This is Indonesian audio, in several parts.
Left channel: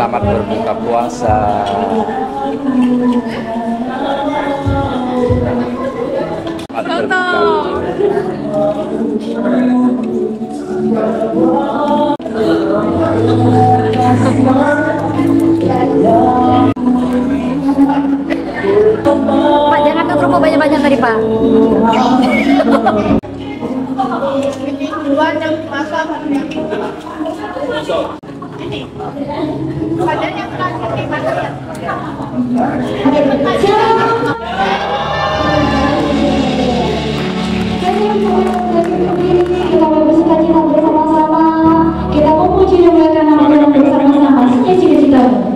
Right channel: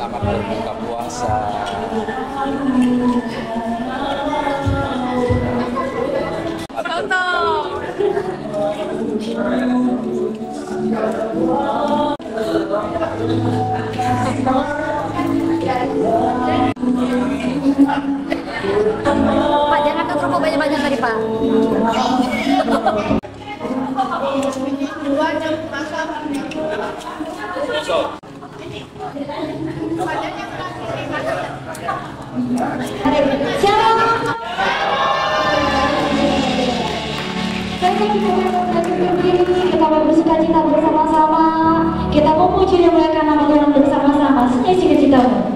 Selamat berbuka puasa. Selamat Pak, jangan ke kerupuk banyak-banyak tadi, Pak. Kita bersuka cita bersama-sama. Kita memuji dan memuliakan nama Tuhan bersama-sama. Senyum cita-citamu.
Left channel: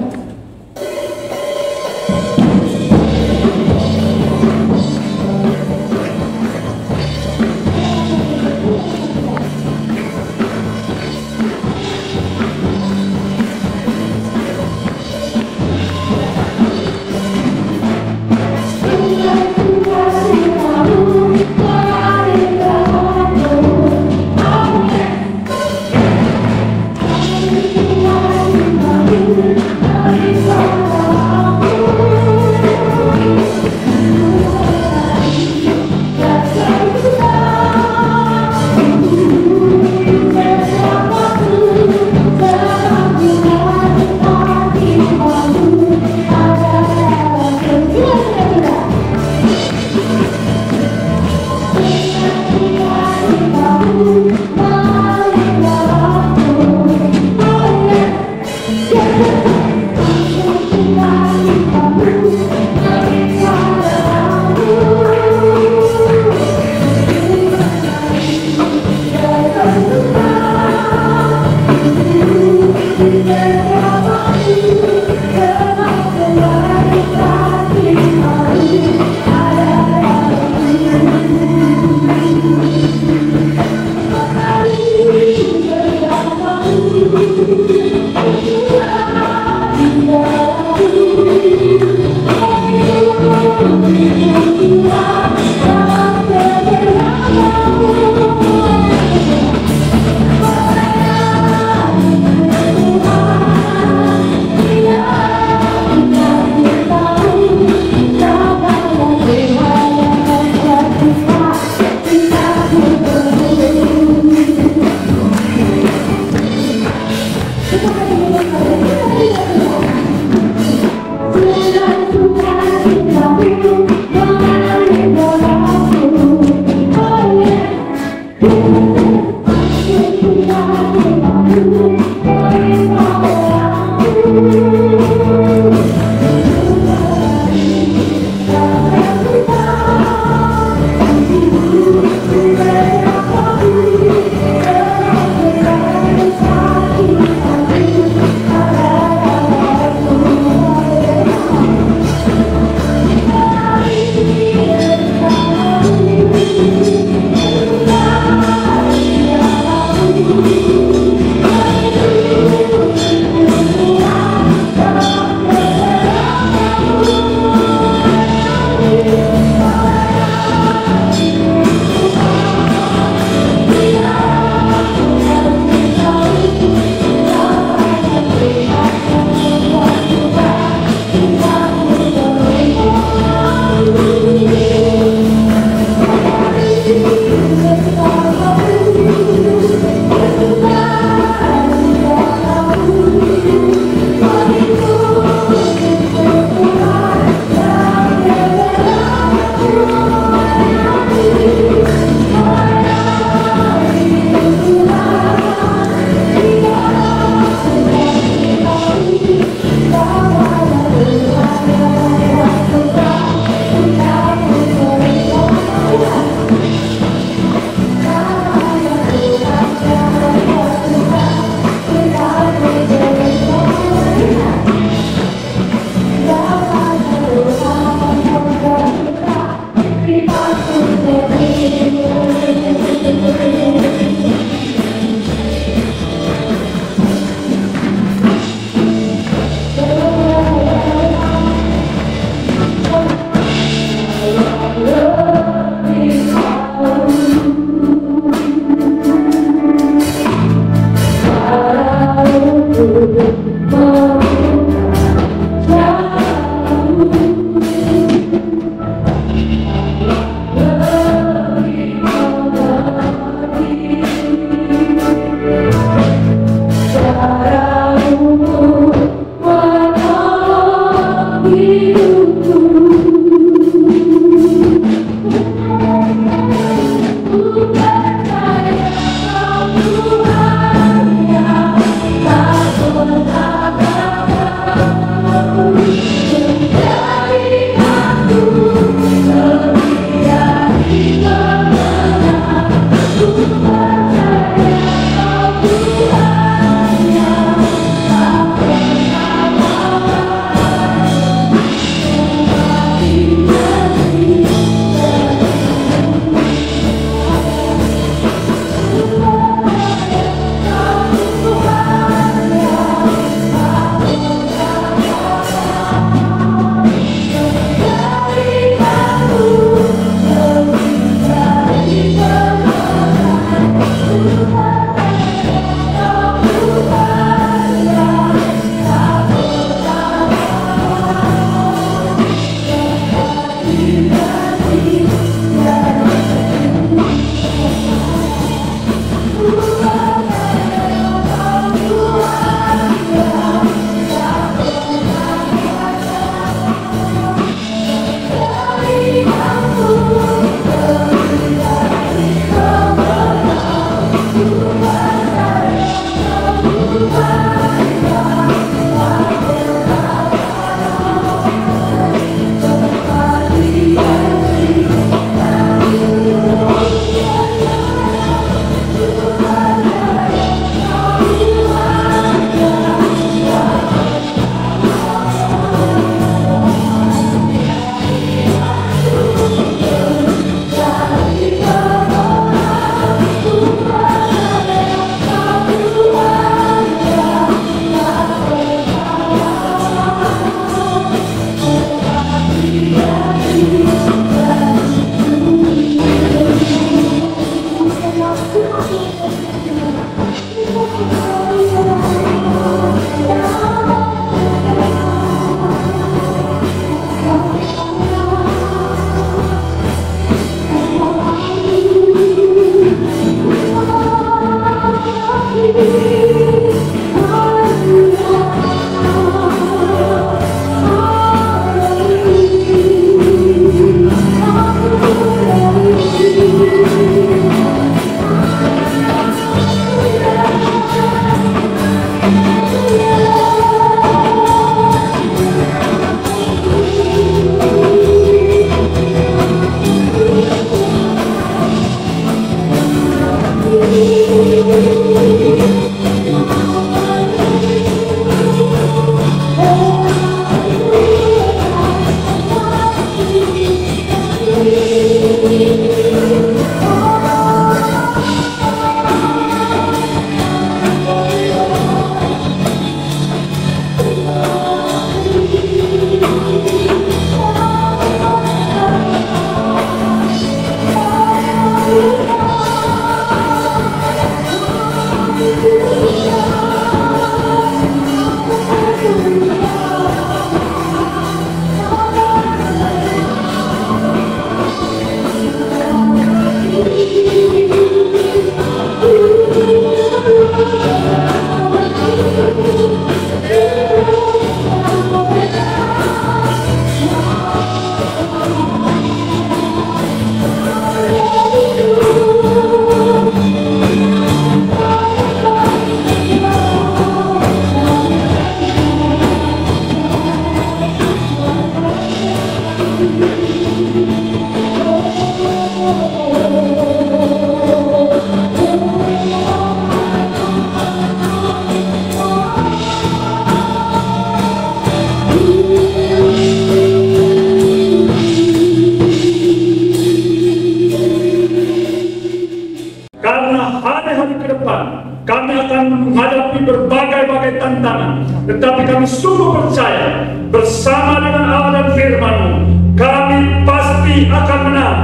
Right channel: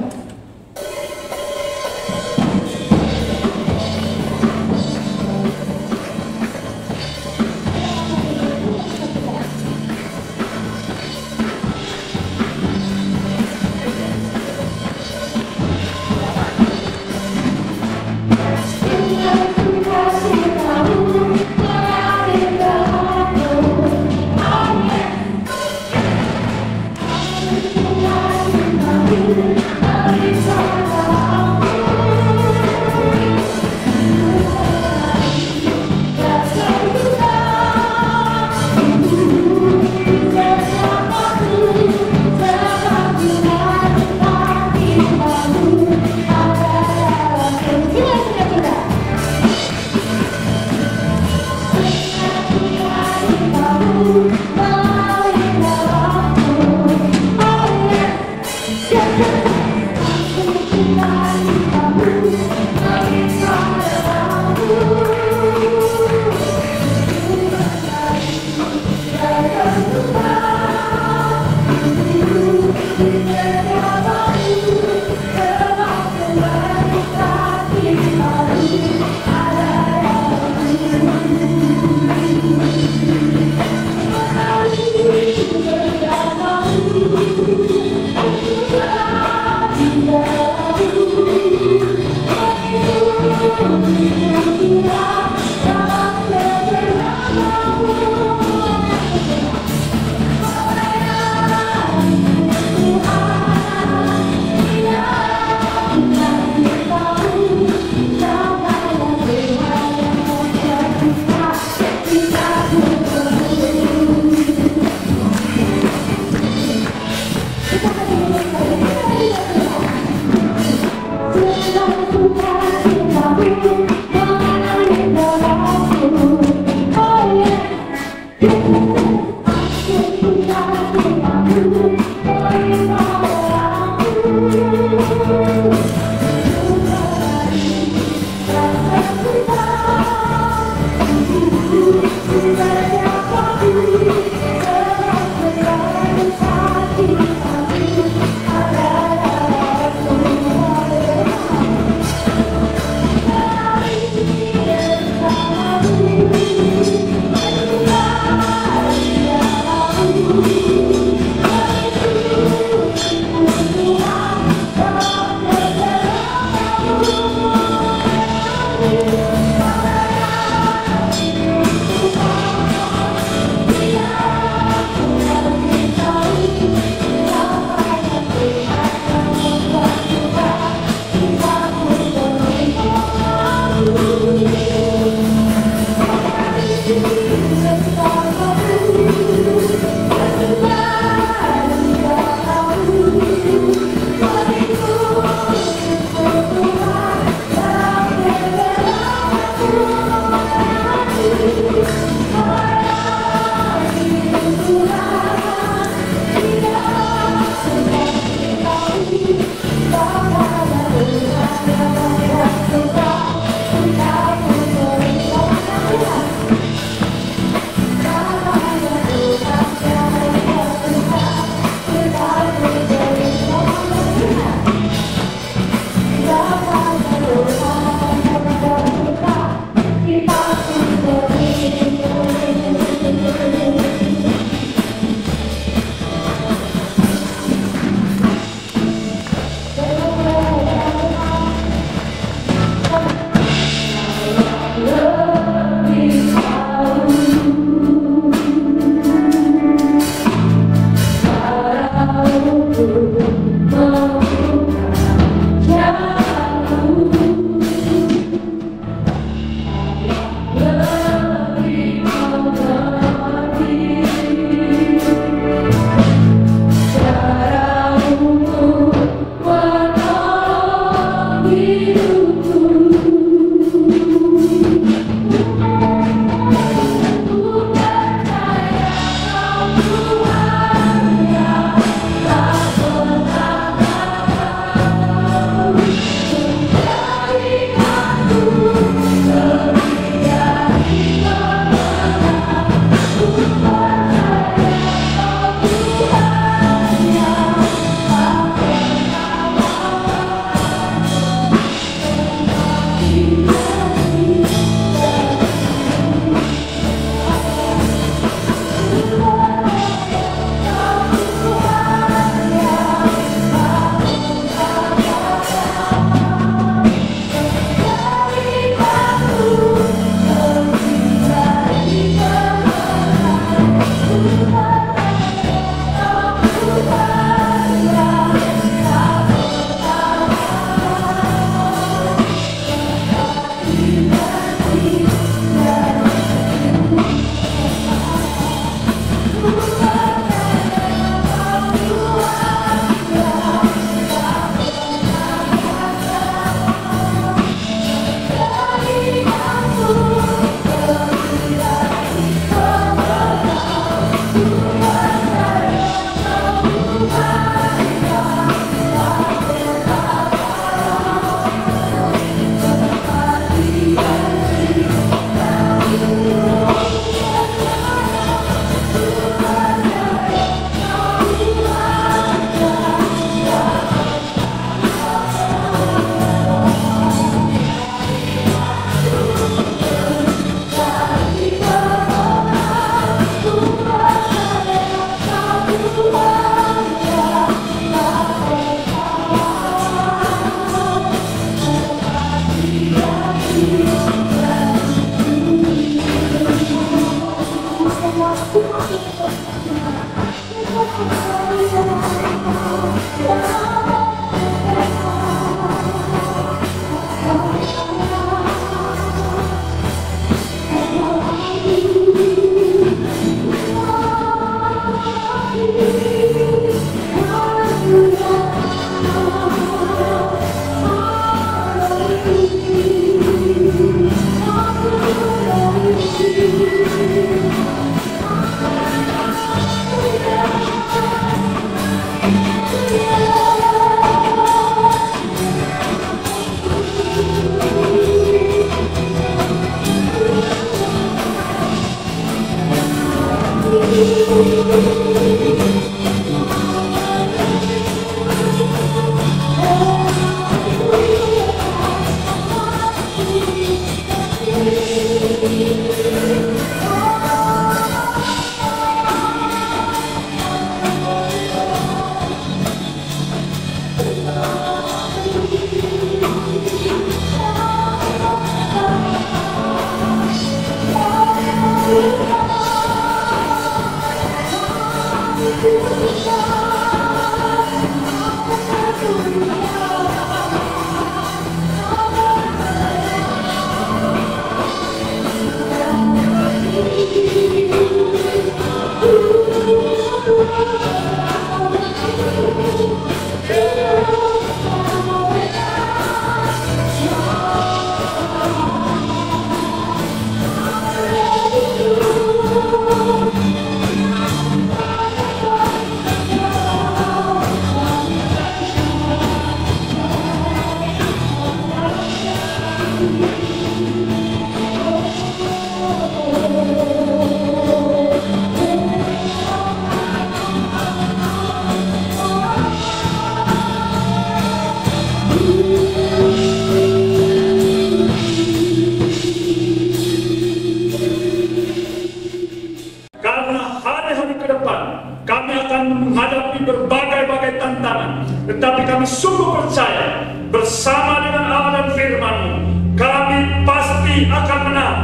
Tetapi kami sungguh percaya bersama dengan Allah dan firman-Mu kami pasti akan menang.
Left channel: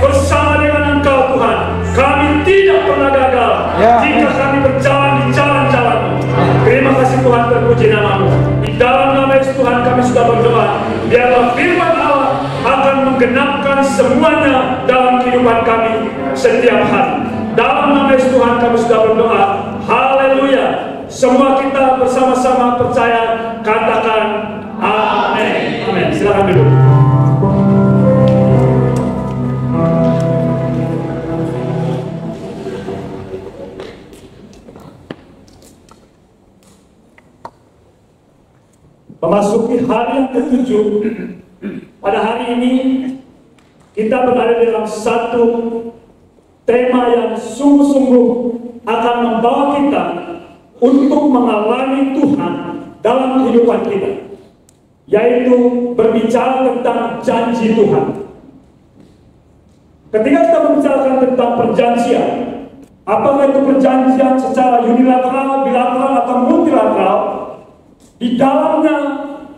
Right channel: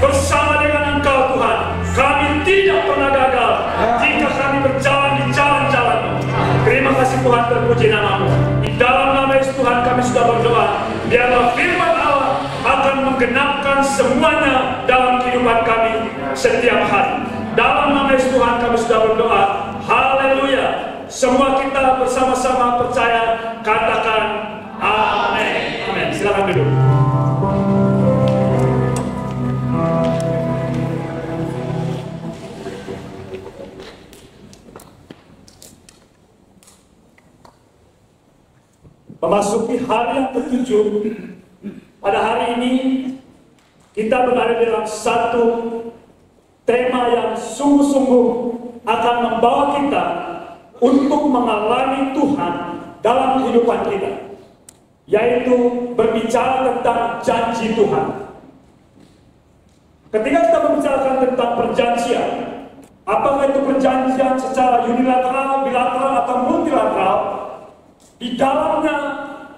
Bersama dengan Engkau Tuhan kami tidak pernah gagal jika kami berjalan di jalan-jalan-Mu. Terima kasih Tuhan, terpuji nama-Mu. Di dalam nama Yesus Tuhan kami sudah berdoa, biarlah firman Allah akan menggenapkan semuanya dalam kehidupan kami setiap hari. Dalam nama Yesus Tuhan kami sudah berdoa. Haleluya. Semua kita bersama-sama percaya, katakan amin. Amin. Silakan duduk. Memasuki hari yang ke-7, pada hari ini kita berada dalam satu tema yang sungguh-sungguh akan membawa kita untuk mengalami Tuhan dalam kehidupan kita, yaitu berbicara tentang janji Tuhan. Ketika kita membicarakan tentang perjanjian, apakah itu perjanjian secara unilateral, bilateral, atau multilateral, di dalamnya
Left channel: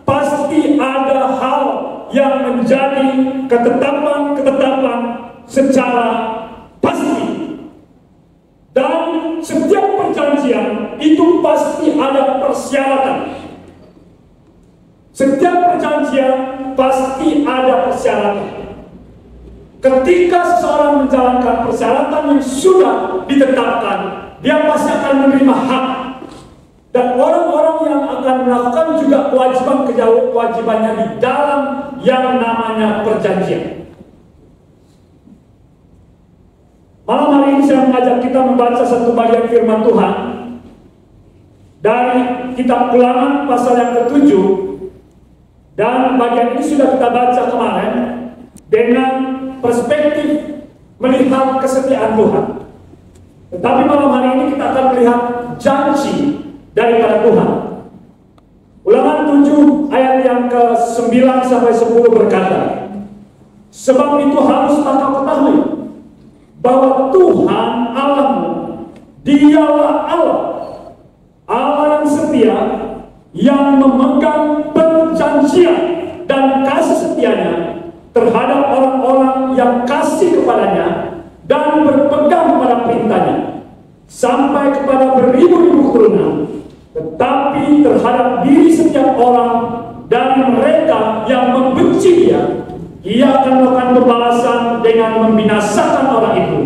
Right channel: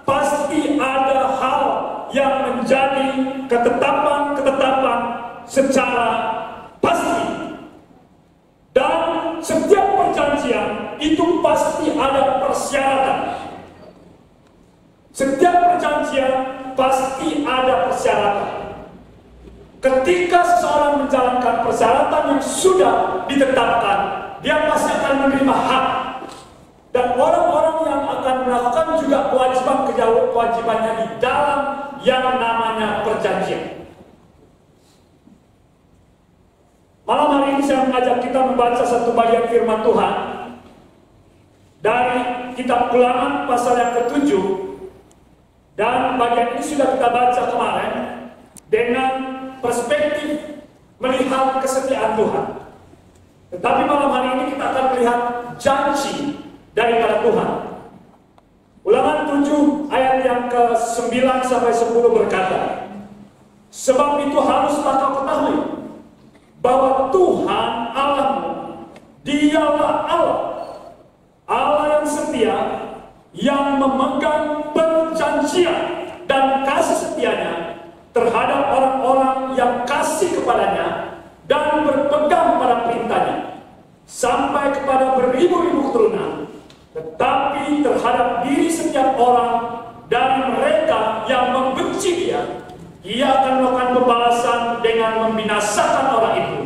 pasti ada hal yang menjadi ketetapan-ketetapan secara pasti. Dan setiap perjanjian itu pasti ada persyaratan. Setiap perjanjian pasti ada persyaratan. Ketika seseorang menjalankan persyaratan yang sudah ditetapkan, dia pasti akan menerima hak. Dan orang-orang yang akan melakukan juga kewajibannya di dalam yang namanya perjanjian. Malam hari ini saya mengajak kita membaca satu bagian firman Tuhan dari kitab Ulangan pasal yang ke-7. Dan bagian ini sudah kita baca kemarin dengan perspektif melihat kesetiaan Tuhan. Tetapi malam hari ini kita akan melihat janji daripada Tuhan. Ulangan 7 ayat yang ke-9 sampai 10 berkata, sebab itu harus engkau ketahui bahwa Tuhan Allahmu, dialah Allah, Allah yang setia, yang memegang perjanjian dan kasih setianya terhadap orang-orang yang kasih kepadanya dan berpegang pada perintahnya, sampai kepada beribu-ribu keturunan. Tetapi terhadap diri setiap orang dari mereka yang membenci dia, ia akan melakukan pembalasan dengan membinasakan orang itu.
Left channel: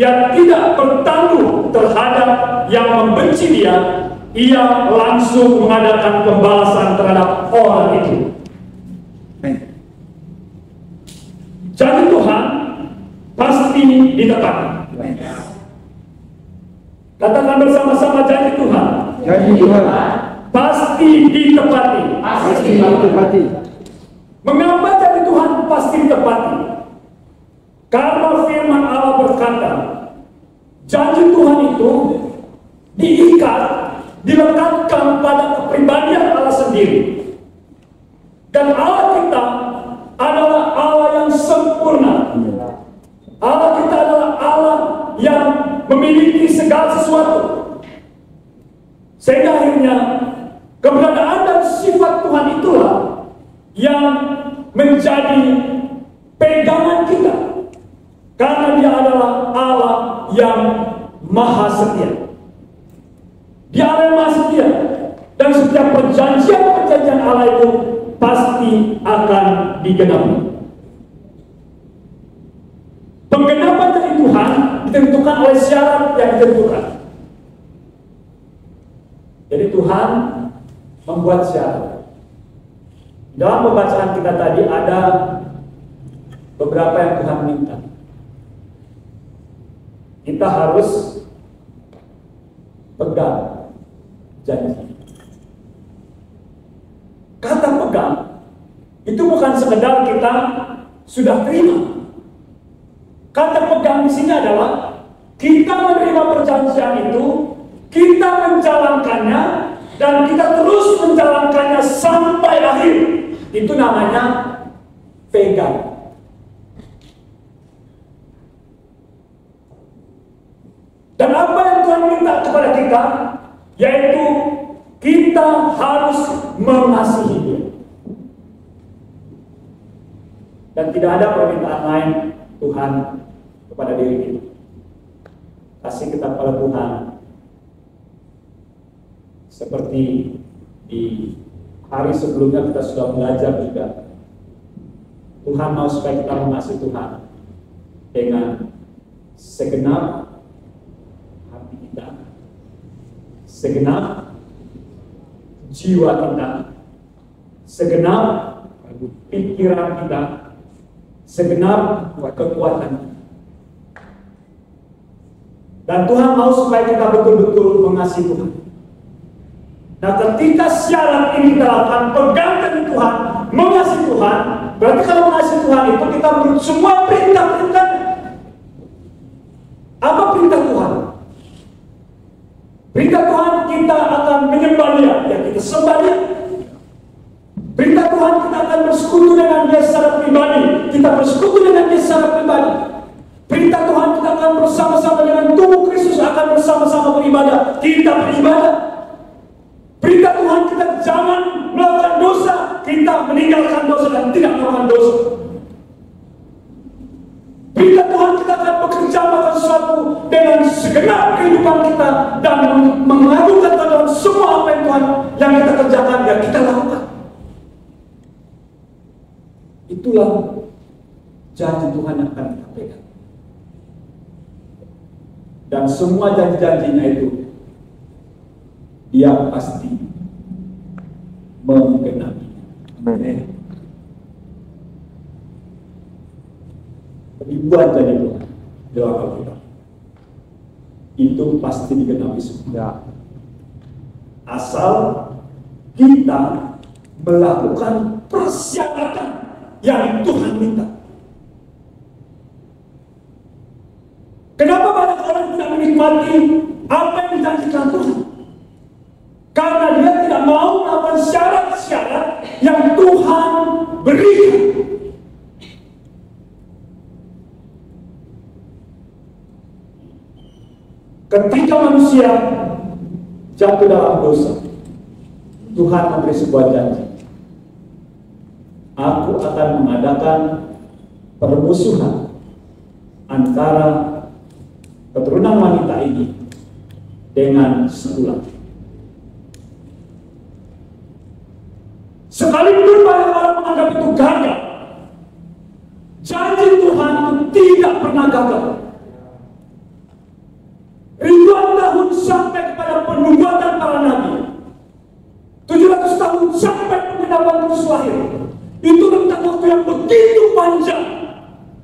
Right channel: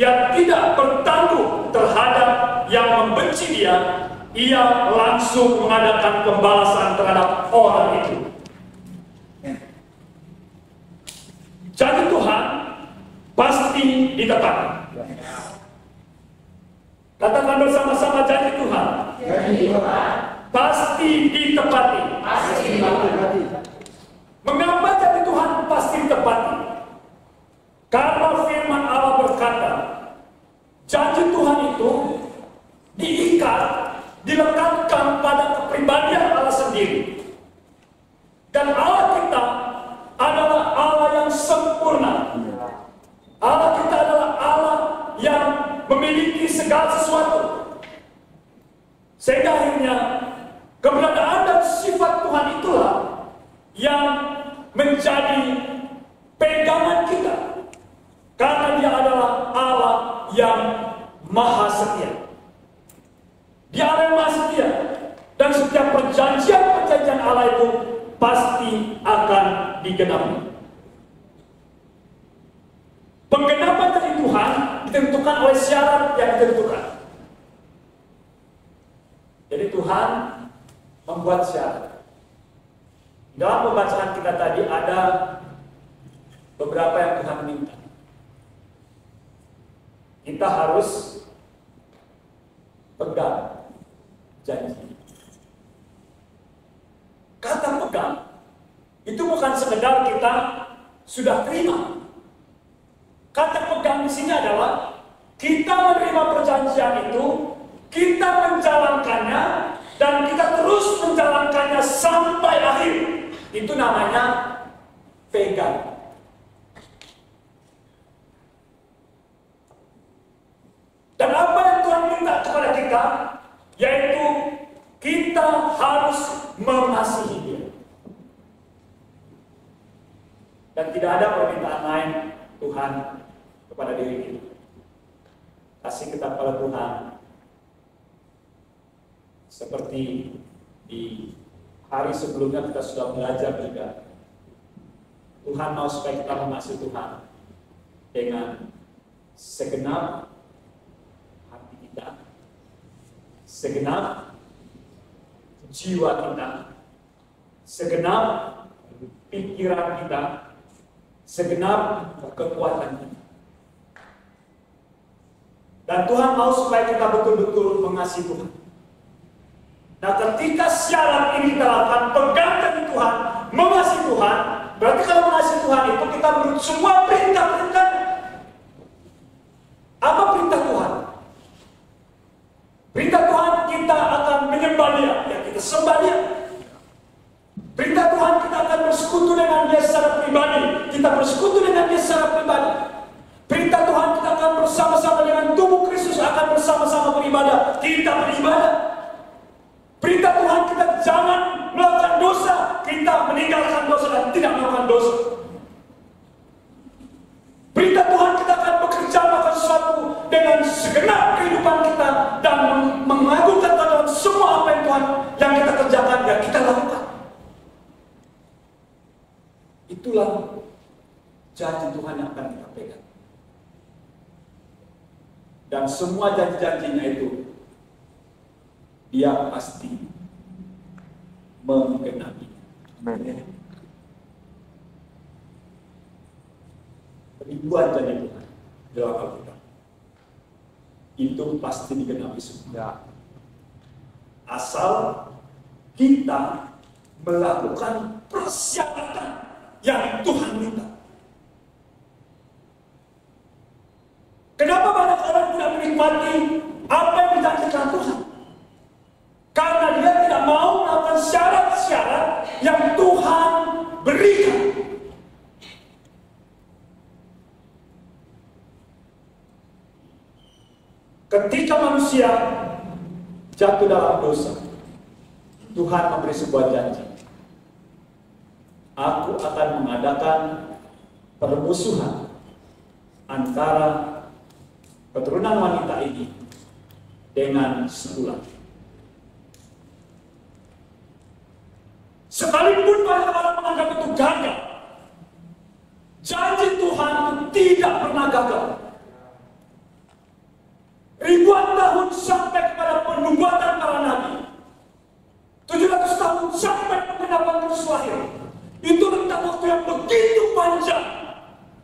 Ia tidak bertanggung terhadap yang membenci dia, ia langsung mengadakan pembalasan terhadap orang itu. Janji Tuhan pasti ditepati. Katakan bersama-sama, janji Tuhan. Janji Tuhan Pasti ditepati. pasti ditepati. Mengapa janji Tuhan pasti ditepati? Karena firman Allah berkata, janji Tuhan itu diikat, dilekatkan pada kepribadian Allah sendiri. Dan Allah kita adalah Allah yang sempurna. Allah kita adalah Allah yang memiliki segala sesuatu. Sehingga akhirnya keberadaan dan sifat Tuhan itulah yang menjadi pegangan kita. Karena dia adalah Allah yang maha setia. Dia Allah yang maha setia. Dan setiap perjanjian-perjanjian Allah itu pasti akan digenapi. Penggenapan dari Tuhan ditentukan oleh syarat yang ditentukan. Jadi Tuhan membuat syarat. Dalam pembacaan kita tadi ada beberapa yang Tuhan minta. Kita harus pegang janji. Kata pegang itu bukan sekedar kita sudah terima. Kata pegang di sini adalah kita menerima perjanjian itu, kita menjalankannya, dan kita terus menjalankannya sampai akhir. Itu namanya pegang. Dan apa yang Tuhan minta kepada kita, yaitu kita harus mengasihi Dia. Dan tidak ada permintaan lain Tuhan kepada diri kita. Kasih kita kepada Tuhan seperti di hari sebelumnya kita sudah belajar juga. Tuhan mau supaya kita mengasihi Tuhan dengan segenap hati kita, segenap jiwa kita, segenap pikiran kita, segenap kekuatan kita. Dan Tuhan mau supaya kita betul-betul mengasihi Tuhan. Nah, ketika syarat ini kita lakukan, pegang teguh Tuhan, mengasihi Tuhan, berarti kalau mengasihi Tuhan itu kita menurut semua perintah-perintah. Apa perintah Tuhan? Perintah Tuhan kita akan menyembah Dia, ya kita sembah Dia. Perintah Tuhan kita akan bersekutu dengan Dia secara pribadi, kita bersekutu dengan Dia secara pribadi. Perintah Tuhan kita akan bersama-sama dengan tubuh Kristus, akan bersama-sama beribadah, kita beribadah. Perintah Tuhan kita jangan melakukan dosa, kita meninggalkan dosa dan tidak melakukan dosa. Perintah Tuhan kita akan bekerja melakukan sesuatu dengan segenap kehidupan kita dan mengagungkan Tuhan semua apa yang Tuhan yang kita kerjakan dan kita lakukan. Itulah janji Tuhan yang akan kita pegang. Dan semua janji-janjinya itu Dia pasti menggenapi. Ribuan janji Tuhan dalam Alkitab itu pasti digenapi semua. Asal kita melakukan persyaratan yang Tuhan minta. Kenapa banyak orang tidak menikmati apa yang dijanjikan Tuhan? Karena dia tidak mau melakukan syarat-syarat yang Tuhan berikan. Ketika manusia jatuh dalam dosa, Tuhan memberi sebuah janji. Aku akan mengadakan permusuhan antara keturunan wanita ini dengan sebulan. Sekalipun banyak orang menganggap itu gagal, janji Tuhan itu tidak pernah gagal. Ribuan tahun sampai kepada penubuatan para nabi, 700 tahun sampai penggenapan Kristus lahir. Itu rentang waktu yang begitu panjang.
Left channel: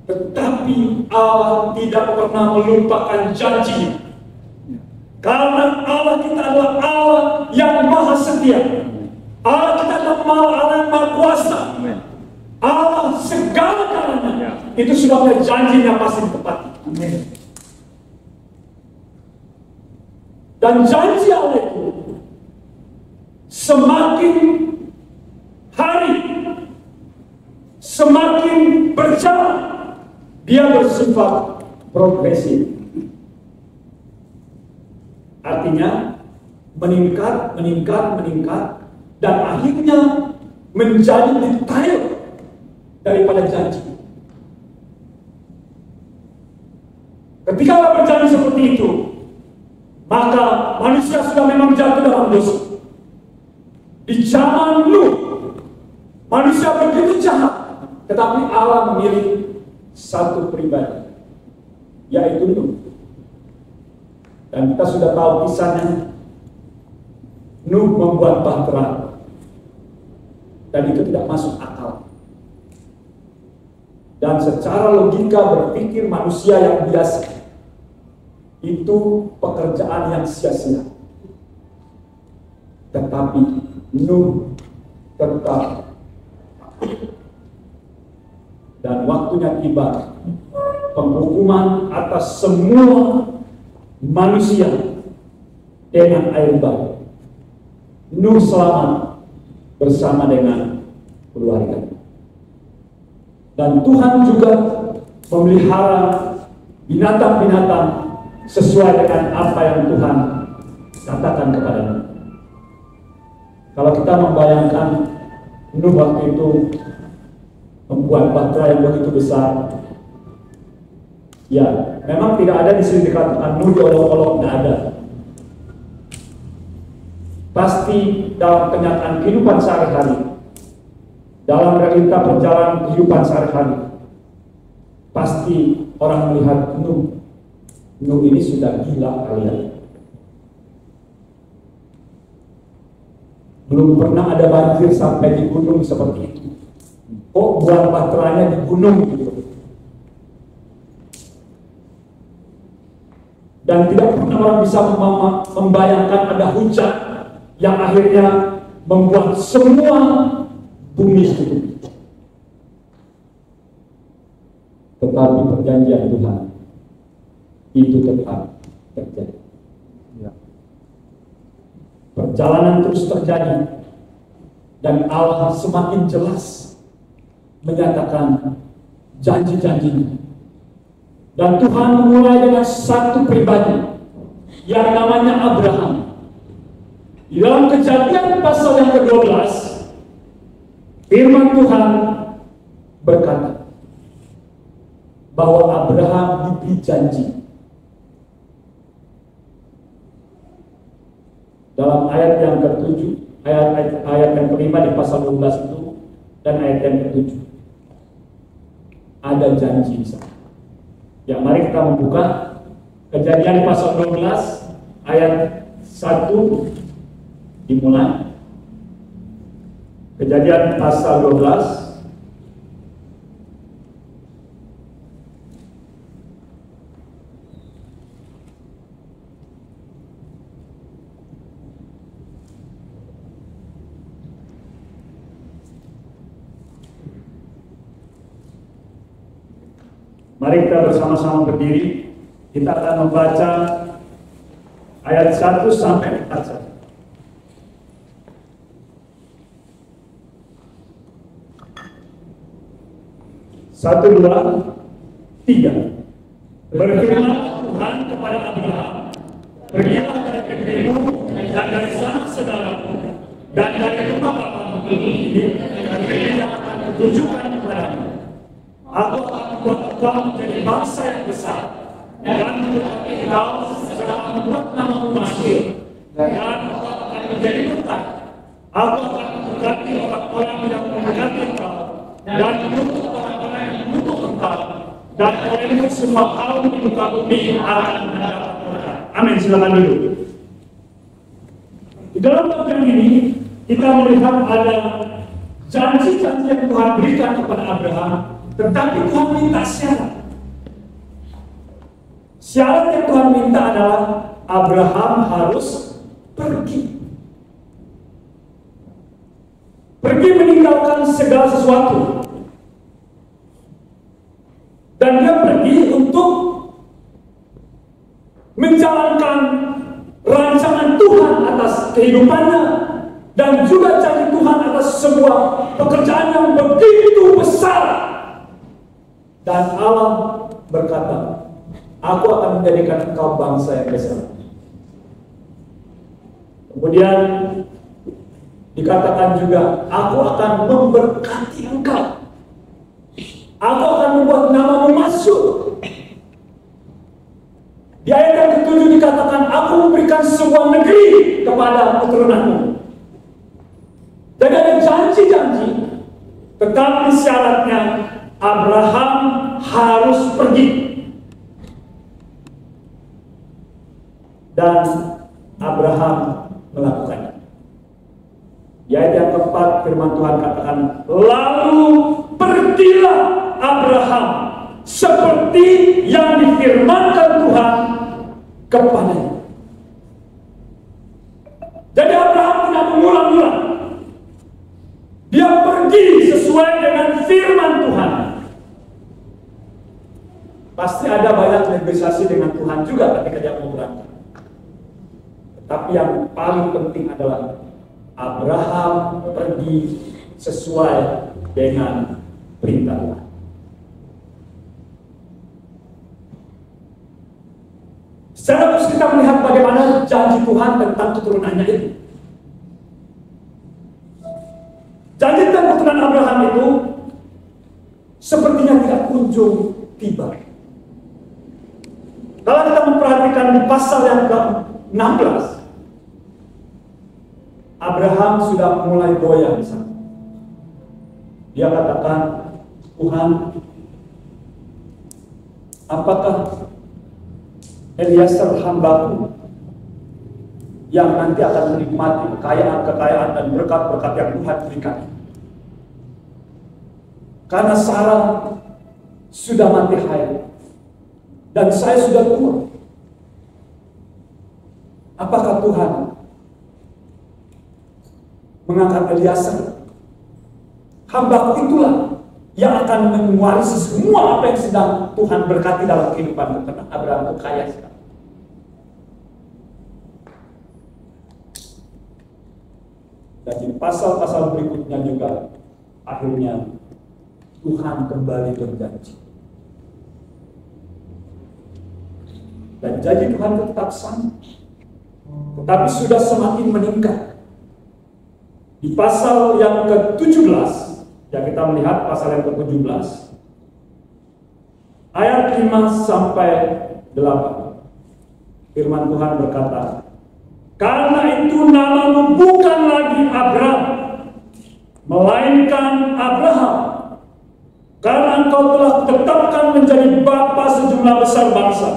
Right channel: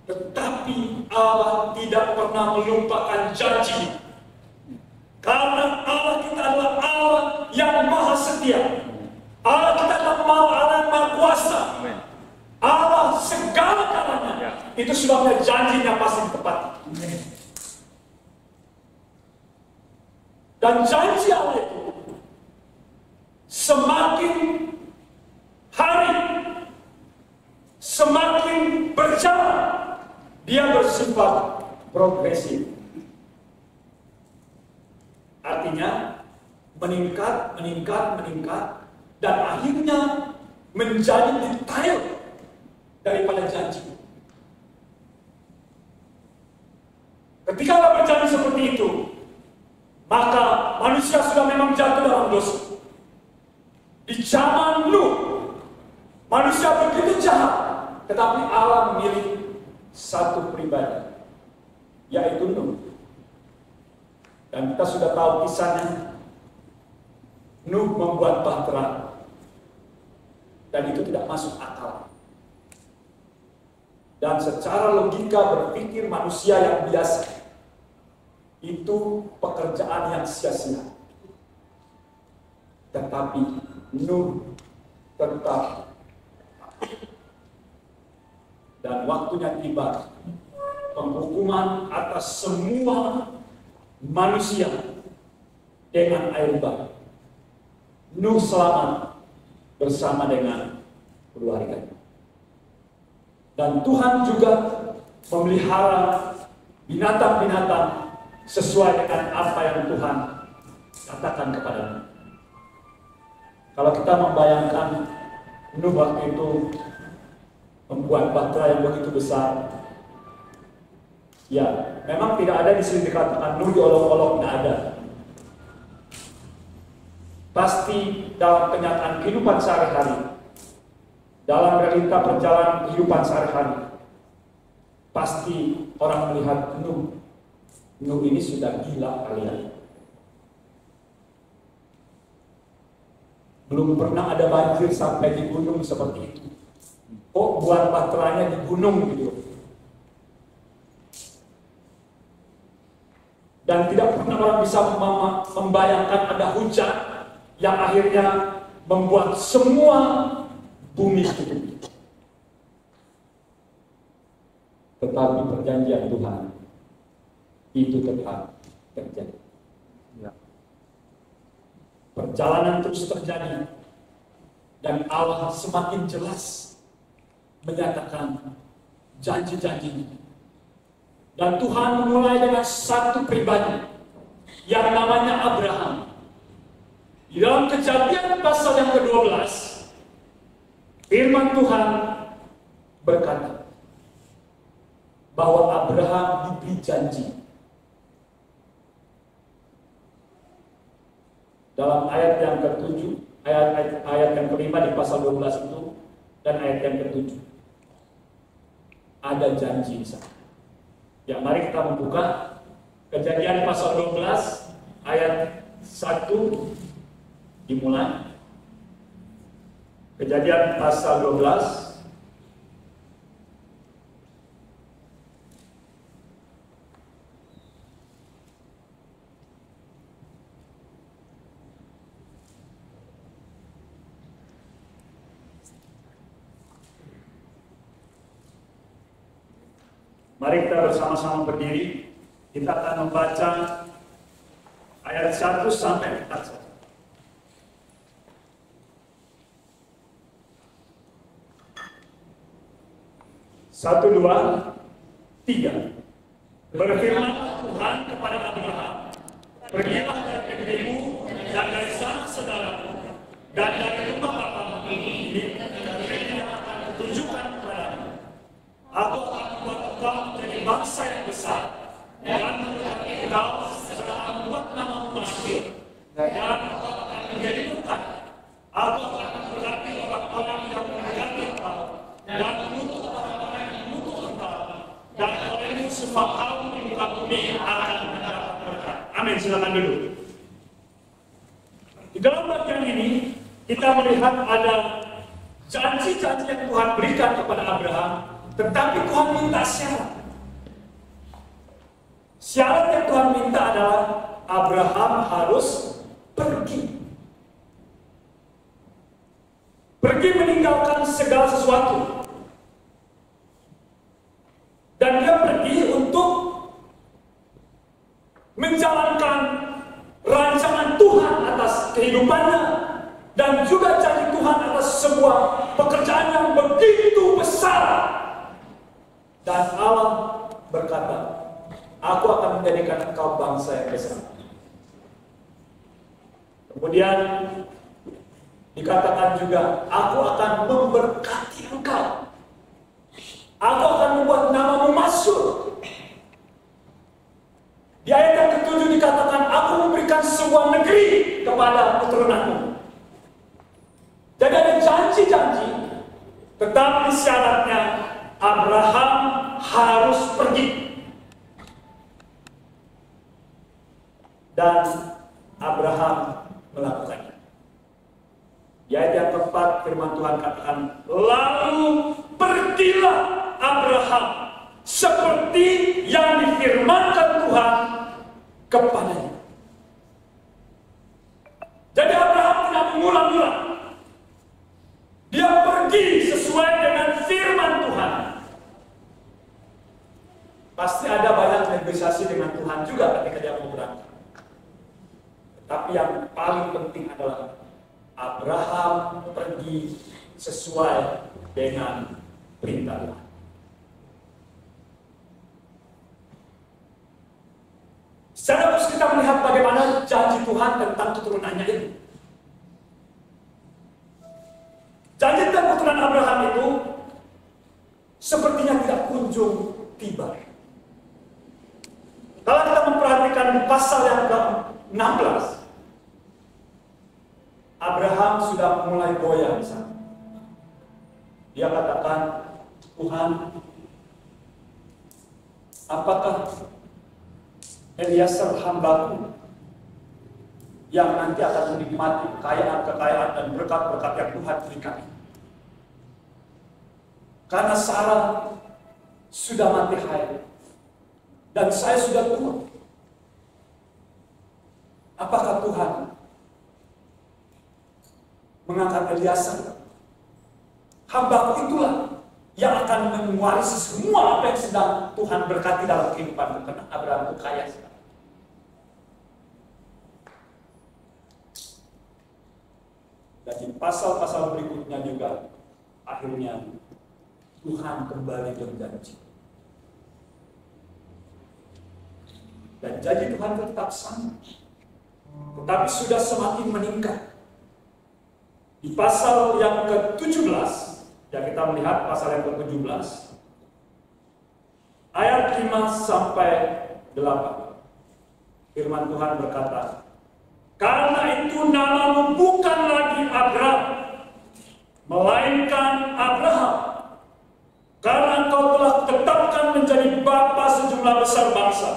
Tetapi Allah tidak pernah melupakan janji. Karena Allah kita adalah Allah yang maha setia. Allah kita adalah Allah yang maha kuasa. Allah segala-galanya. Itu sebabnya janjinya pasti ditepati. Dan janji Allah itu semakin hari semakin berjalan, dia bersifat progresif. Artinya meningkat, dan akhirnya menjadi detail daripada janji. Ketika Allah berjanji seperti itu, maka manusia sudah memang jatuh dalam dosa. Di zaman Nuh, manusia begitu jahat, tetapi Allah memilih satu pribadi, yaitu Nuh. Dan kita sudah tahu kisahnya. Nuh membuat bahtera, dan itu tidak masuk akal. Dan secara logika berpikir manusia yang biasa, itu pekerjaan yang sia-sia. Tetapi Nuh tetap, dan waktunya tiba, penghukuman atas semua manusia dengan air bah. Nuh selamat bersama dengan keluarganya. Dan Tuhan juga memelihara binatang-binatang sesuai dengan apa yang Tuhan katakan kepada Nuh. Kalau kita membayangkan Nuh waktu itu membuat bahtera yang begitu besar, ya memang tidak ada di sini dikatakan Nuh diolok-olok, tidak ada. Pasti dalam kenyataan kehidupan sehari-hari, dalam realita perjalanan kehidupan sehari-hari, pasti orang melihat Nuh ini sudah gila kalian. Belum pernah ada banjir sampai di gunung seperti itu. Kok buat baterainya di gunung gitu. Dan tidak pernah orang bisa membayangkan ada hujan yang akhirnya membuat semua bumi itu. Tetapi perjanjian Tuhan itu tetap terjadi. Perjalanan terus terjadi dan Allah semakin jelas menyatakan janji-janjinya. Dan Tuhan mulai dengan satu pribadi yang namanya Abraham. Di dalam Kejadian pasal yang ke-12, firman Tuhan berkata bahwa Abraham diberi janji. Dalam ayat yang ke-7, ayat yang ke-5 di pasal 12 itu, dan ayat yang ke-7 ada janji di sana. Ya, mari kita membuka Kejadian pasal 12 ayat 1 dimulai. Kejadian pasal 12 Mari kita bersama-sama berdiri. Kita akan membaca ayat 1 sampai 4 saja. 1, 2, 3. Berfirman Tuhan kepada Abraham, pergilah dari negerimu dan dari sanak saudaramu dan dari rumah bapamu ini negeri yang akan kutunjukkan kepadamu. Aku akan membuat engkau menjadi bangsa yang besar dan membuat engkau setelah membuat namamu masyhur dan engkau akan menjadi berkat. Aku akan memberkati orang-orang yang memberkati engkau dan mengutuk orang-orang yang mengutuk engkau, dan olehmu semua kaum di muka bumi akan mendapat berkat. Amin. Silakan dulu. Di dalam bagian ini kita melihat ada janji-janji yang Tuhan berikan kepada Abraham. Tetapi Tuhan minta syarat. Syarat yang Tuhan minta adalah Abraham harus pergi. Pergi meninggalkan segala sesuatu. Dan dia pergi untuk menjalankan rancangan Tuhan atas kehidupannya. Dan juga janji Tuhan atas sebuah pekerjaan yang begitu besar. Dan Allah berkata, aku akan menjadikan engkau bangsa yang besar. Kemudian dikatakan juga, aku akan memberkati engkau. Aku akan membuat namamu masyhur. Di ayat yang ke-7 dikatakan, aku memberikan sebuah negeri kepada keturunanmu. Jadi ada janji-janji, tetapi syaratnya Abraham harus pergi. Dan Abraham melakukannya. Di ayat yang keempat firman Tuhan katakan, lalu pergilah Abraham seperti yang difirmankan Tuhan kepadanya. Jadi Abraham tidak mengulang-ulang. Dia pergi sesuai dengan firman Tuhan. Pasti ada banyak negosiasi dengan Tuhan juga ketika dia mau berangkat. Tapi yang paling penting adalah Abraham pergi sesuai dengan perintah Tuhan. Secara khusus kita melihat bagaimana janji Tuhan tentang keturunannya itu. Janji tentang keturunan Abraham itu sepertinya tidak kunjung tiba. Kalau kita memperhatikan di pasal yang ke-16, Abraham sudah mulai goyah di sana. Dia katakan, Tuhan, apakah Eliezer hambaku yang nanti akan menikmati kekayaan dan berkat-berkat yang Tuhan berikan. Karena Sarah sudah mati haid dan saya sudah tua. Apakah Tuhan mengangkat Eliezer? Hambaku itulah yang akan mewarisi semua apa yang sedang Tuhan berkati dalam kehidupan. Karena Abraham itu kaya sekali. Dan di pasal-pasal berikutnya juga akhirnya Tuhan kembali berjanji. Dan janji Tuhan tetap sama. Tetapi sudah semakin meningkat. Di pasal yang ke-17, ya kita melihat pasal yang ke-17, ayat 5 sampai 8. Firman Tuhan berkata, "Karena itu namamu bukan lagi Abram, melainkan Abraham. Karena engkau telah tetapkan menjadi bapa sejumlah besar bangsa.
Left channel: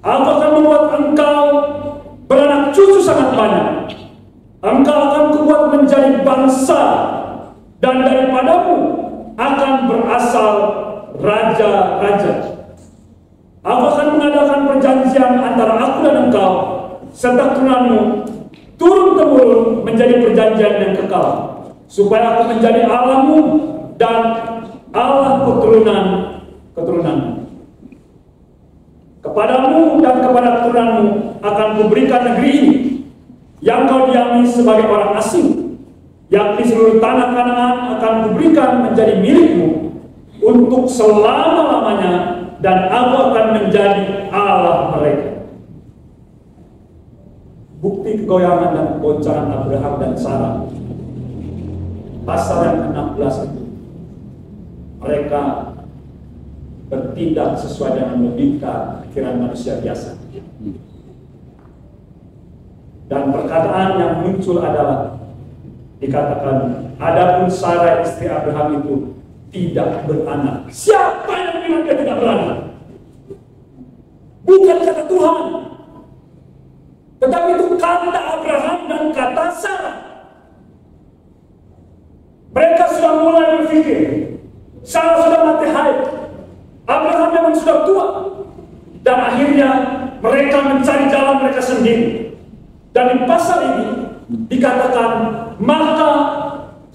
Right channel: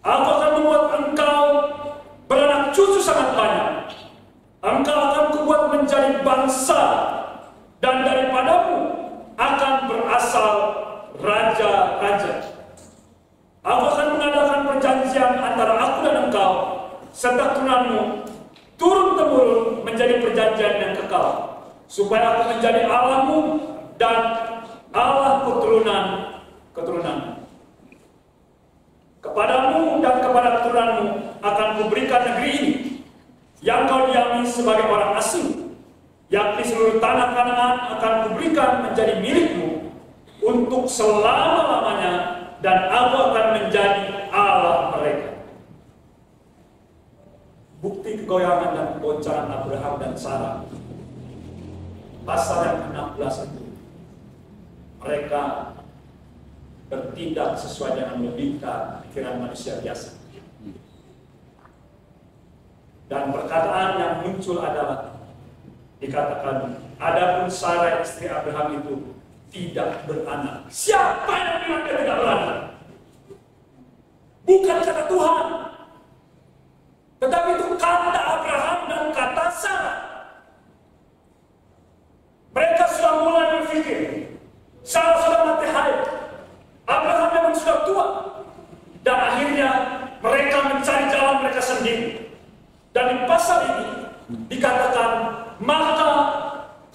Aku akan membuat engkau beranak cucu sangat banyak. Engkau akan kubuat menjadi bangsa, dan daripadamu akan berasal raja-raja. Aku akan mengadakan perjanjian antara aku dan engkau serta keturunanmu turun-temurun menjadi perjanjian yang kekal, supaya aku menjadi Allahmu dan Allah keturunanmu. Kepadamu dan kepada keturunanmu akan kuberikan negeri ini yang kau diami sebagai orang asing, yakni seluruh tanah Kanaan akan kuberikan menjadi milikmu untuk selama-lamanya, dan aku akan menjadi Allah mereka." Bukti kegoyangan dan keboncangan Abraham dan Sarah, pasal yang ke-16 itu, mereka bertindak sesuai dengan logika pikiran manusia biasa. Dan perkataan yang muncul adalah dikatakan, "Adapun Sarah istri Abraham itu tidak beranak." Siapa yang bilang dia tidak beranak? Bukan kata Tuhan, tetapi itu kata Abraham dan kata Sarah. Mereka sudah mulai berpikir, Sarah sudah mati haid, Abraham memang sudah tua, dan akhirnya mereka mencari jalan mereka sendiri. Dan di pasal ini dikatakan, maka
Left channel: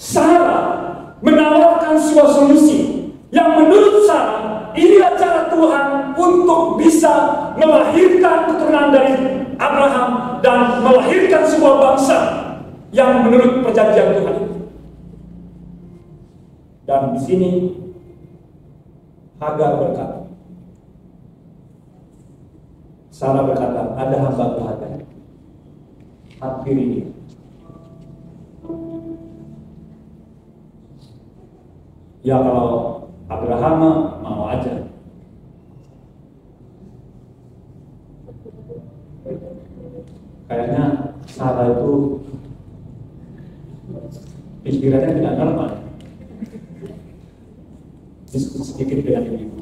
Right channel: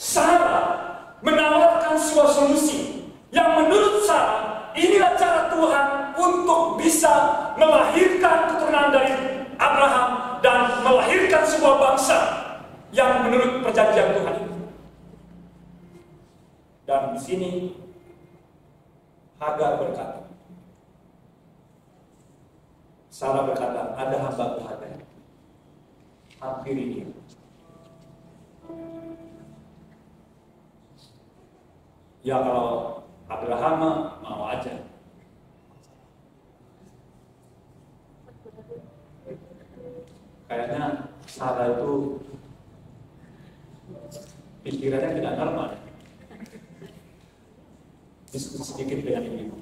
Sarah menawarkan sebuah solusi yang menurut Sarah inilah cara Tuhan untuk bisa melahirkan keturunan dari Abraham dan melahirkan sebuah bangsa yang menurut perjanjian Tuhan itu. Dan di sini Hagar berkata, Sarah berkata, "Ada hamba-Ku Hagar, hampir ini." Ya kalau Abraham mau aja. Kayaknya Sarah itu pikirannya tidak normal. Diskusi sedikit dengan ibu.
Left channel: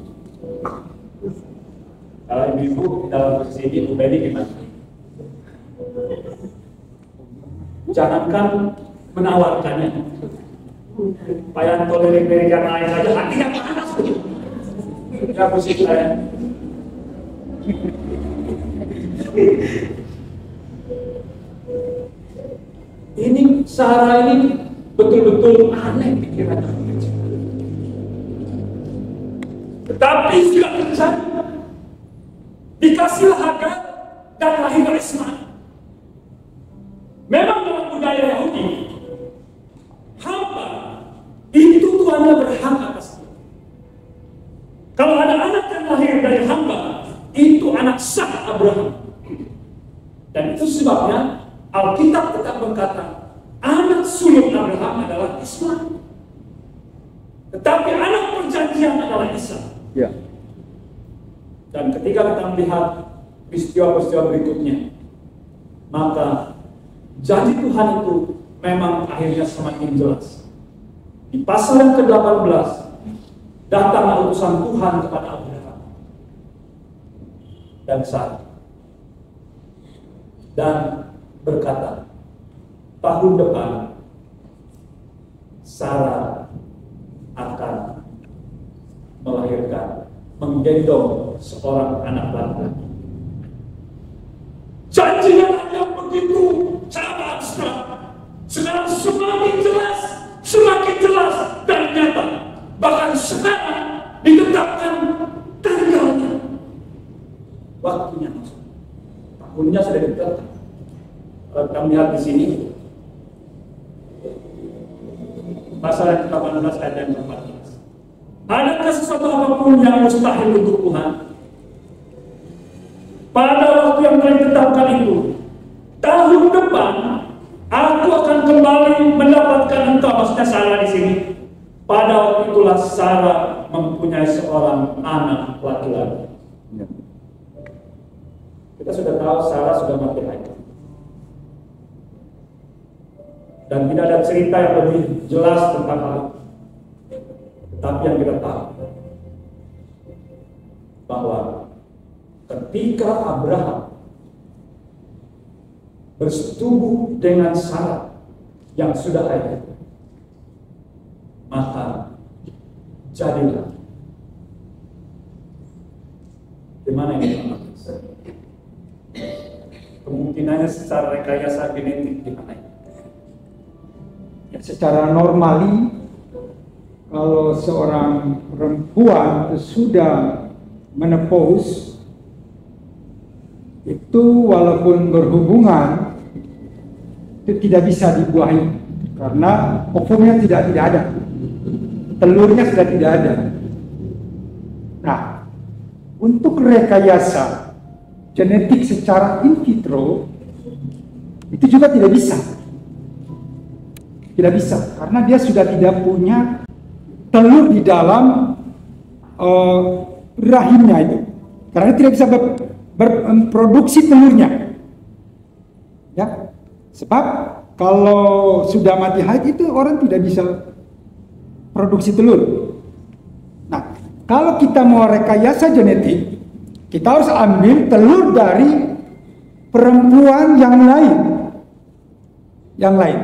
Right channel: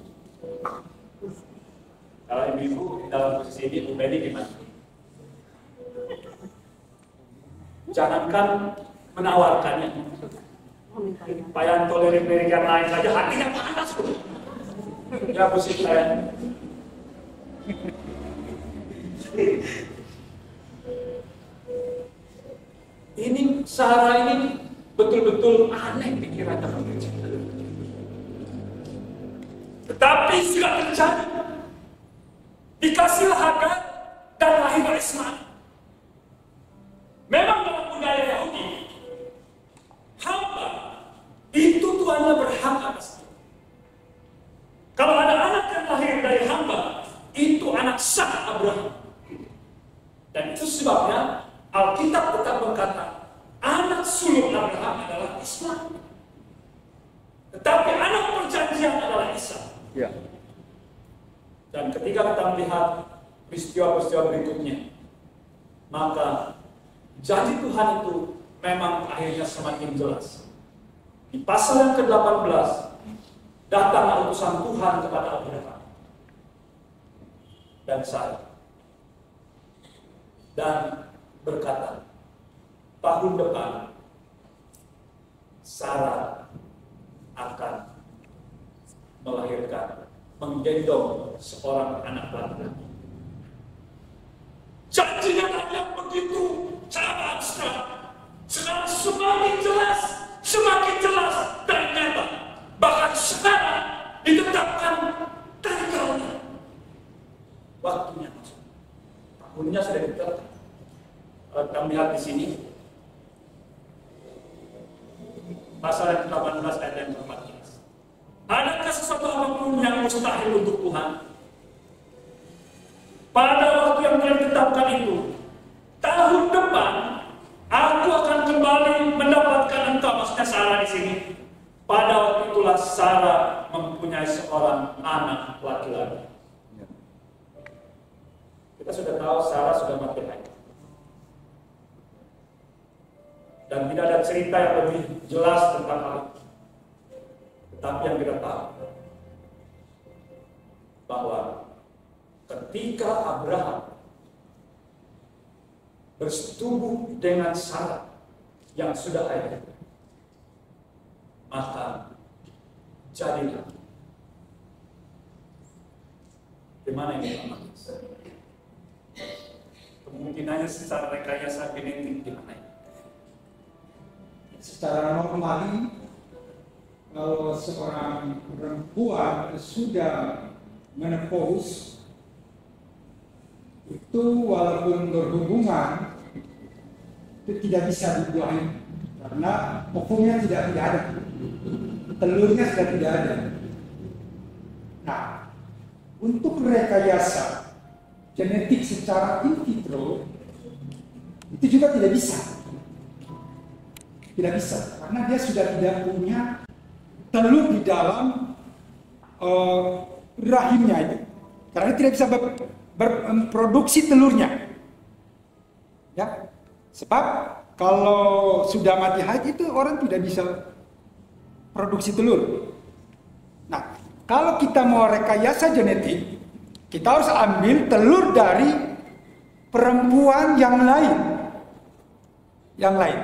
Kalau ibu dalam posisi ini, Beni gimana? Jangankan menawarkannya, Payanto lirik-lirik yang lain saja hatinya panas. Ya posisi saya. Ini Sarah ini betul-betul aneh pikirannya. Tetapi sudah terjadi. Dikasihlah Hagar dan lahirlah Ismail. Memang dalam budaya Yahudi, hamba itu tuannya berhak atas dia. Kalau ada anak yang lahir dari hamba, itu anak sah Abraham. Dan itu sebabnya Alkitab tetap berkata, anak sulung Abraham adalah Ismail. Tetapi anak perjanjian adalah Ishak. Ya. Dan ketika kita melihat peristiwa-peristiwa berikutnya, maka janji Tuhan itu memang akhirnya semakin jelas. Di pasal yang ke-18, datanglah utusan Tuhan kepada Abraham dan Sarah. Dan berkata, tahun depan Sarah akan melahirkan, menggendong seorang anak laki-laki. Janjinya yang begitu sangat abstrak. Sekarang semakin jelas dan nyata. Bahkan sekarang ditetapkan tanggalnya. Waktunya masuk. Tahunnya sudah ditetapkan. Kalau kita melihat di sini, pasal 18 ayat yang 14. Adakah sesuatu apapun yang mustahil untuk Tuhan? Pada waktu yang telah ditetapkan itu, tahun depan aku akan kembali mendapatkan engkau. Maksudnya Sarah di sini. Pada waktu itulah Sarah mempunyai seorang anak laki-laki. Kita sudah tahu Sarah sudah mati haid. Dan tidak ada cerita yang lebih jelas tentang hal itu. Tetapi yang kita tahu bahwa ketika Abraham bersetubuh dengan Sarah yang sudah haid, maka jadilah. Gimana ini? Kemungkinannya secara rekayasa genetik gimana? Secara normali, kalau seorang perempuan sudah menopause, itu walaupun berhubungan itu tidak bisa dibuahi karena ovumnya tidak ada, telurnya sudah tidak ada. Nah, untuk rekayasa genetik secara in vitro itu juga tidak bisa. Tidak bisa karena dia sudah tidak punya telur di dalam rahimnya itu. Karena dia tidak bisa berproduksi telurnya. Ya. Sebab kalau sudah mati haid itu orang tidak bisa produksi telur. Nah, kalau kita mau rekayasa genetik, kita harus ambil telur dari perempuan yang lain. Yang lain.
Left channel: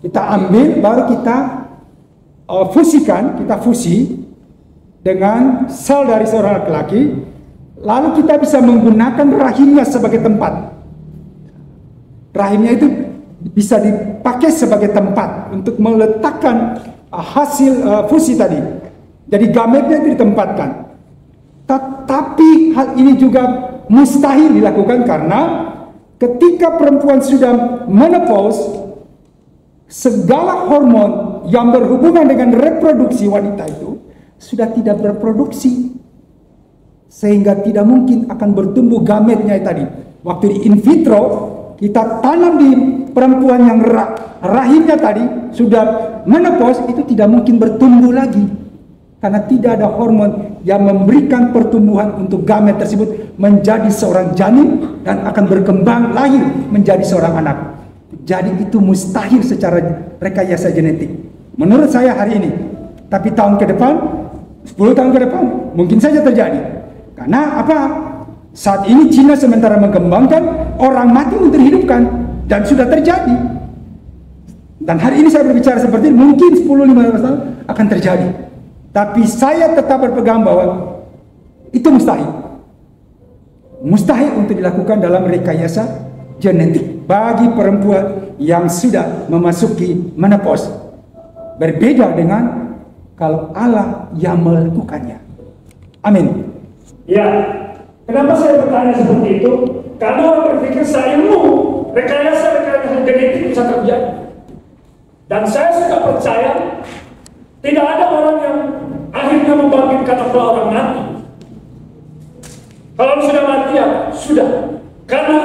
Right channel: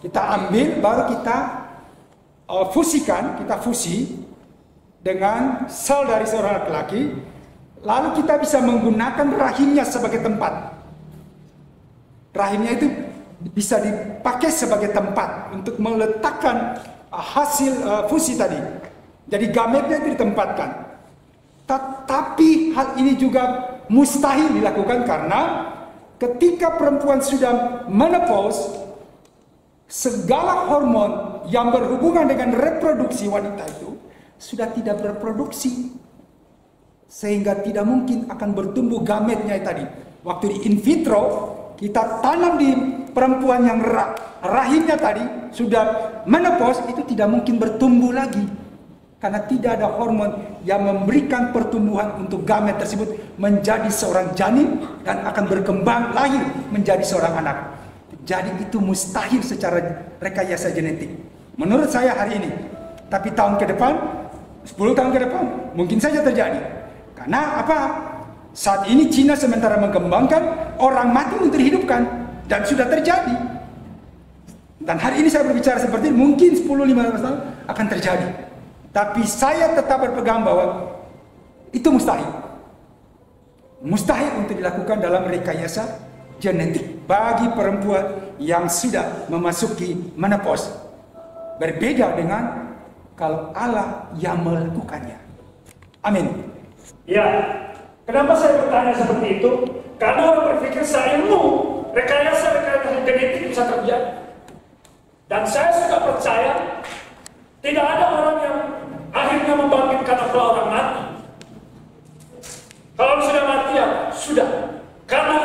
Kita ambil, baru kita fusikan, kita fusi dengan sel dari seorang laki-laki, lalu kita bisa menggunakan rahimnya sebagai tempat. Rahimnya itu bisa dipakai sebagai tempat untuk meletakkan hasil fusi tadi. Jadi gametnya itu ditempatkan. Tetapi hal ini juga mustahil dilakukan karena ketika perempuan sudah menopause, segala hormon yang berhubungan dengan reproduksi wanita itu sudah tidak berproduksi, sehingga tidak mungkin akan bertumbuh gametnya tadi. Waktu di in vitro kita tanam di perempuan yang rahimnya tadi sudah menopause, itu tidak mungkin bertumbuh lagi karena tidak ada hormon yang memberikan pertumbuhan untuk gamet tersebut menjadi seorang janin dan akan berkembang lahir menjadi seorang anak. Jadi itu mustahil secara rekayasa genetik. Menurut saya hari ini. Tapi tahun ke depan, 10 tahun ke depan, mungkin saja terjadi. Karena apa? Saat ini Cina sementara mengembangkan orang mati untuk dihidupkan. Dan sudah terjadi. Dan hari ini saya berbicara seperti ini, mungkin 10-15 tahun akan terjadi. Tapi saya tetap berpegang bahwa itu mustahil. Mustahil untuk dilakukan dalam rekayasa genetik bagi perempuan yang sudah memasuki menopause. Berbeda dengan kalau Allah yang melakukannya. Amin. Ya, kenapa saya bertanya seperti itu? Karena orang berpikir sayangmu rekayasa genetik bisa terjadi. Dan saya sudah percaya tidak ada orang yang akhirnya membangkitkan orang mati. Kalau sudah mati ya sudah. Karena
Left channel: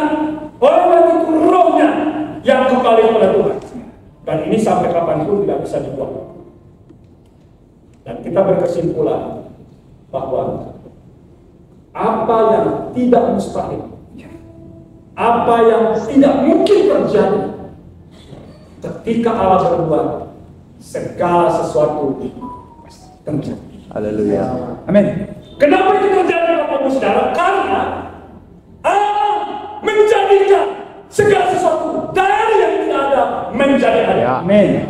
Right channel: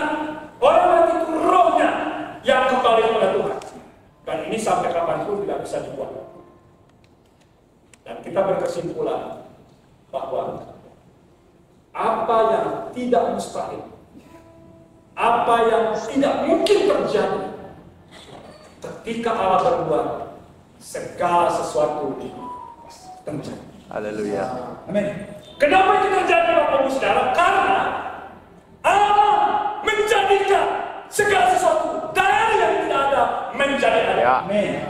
orang mati itu rohnya yang kembali kepada Tuhan. Dan ini sampai kapanpun tidak bisa dibuat. Dan kita berkesimpulan bahwa apa yang tidak mustahil, apa yang tidak mungkin terjadi, ketika Allah berbuat, segala sesuatu terjadi. Haleluya. Amin. Kenapa itu terjadi Bapak Ibu Saudara? Karena Allah menjadikan segala sesuatu dari yang tidak ada menjadi ada. Ya. Amin.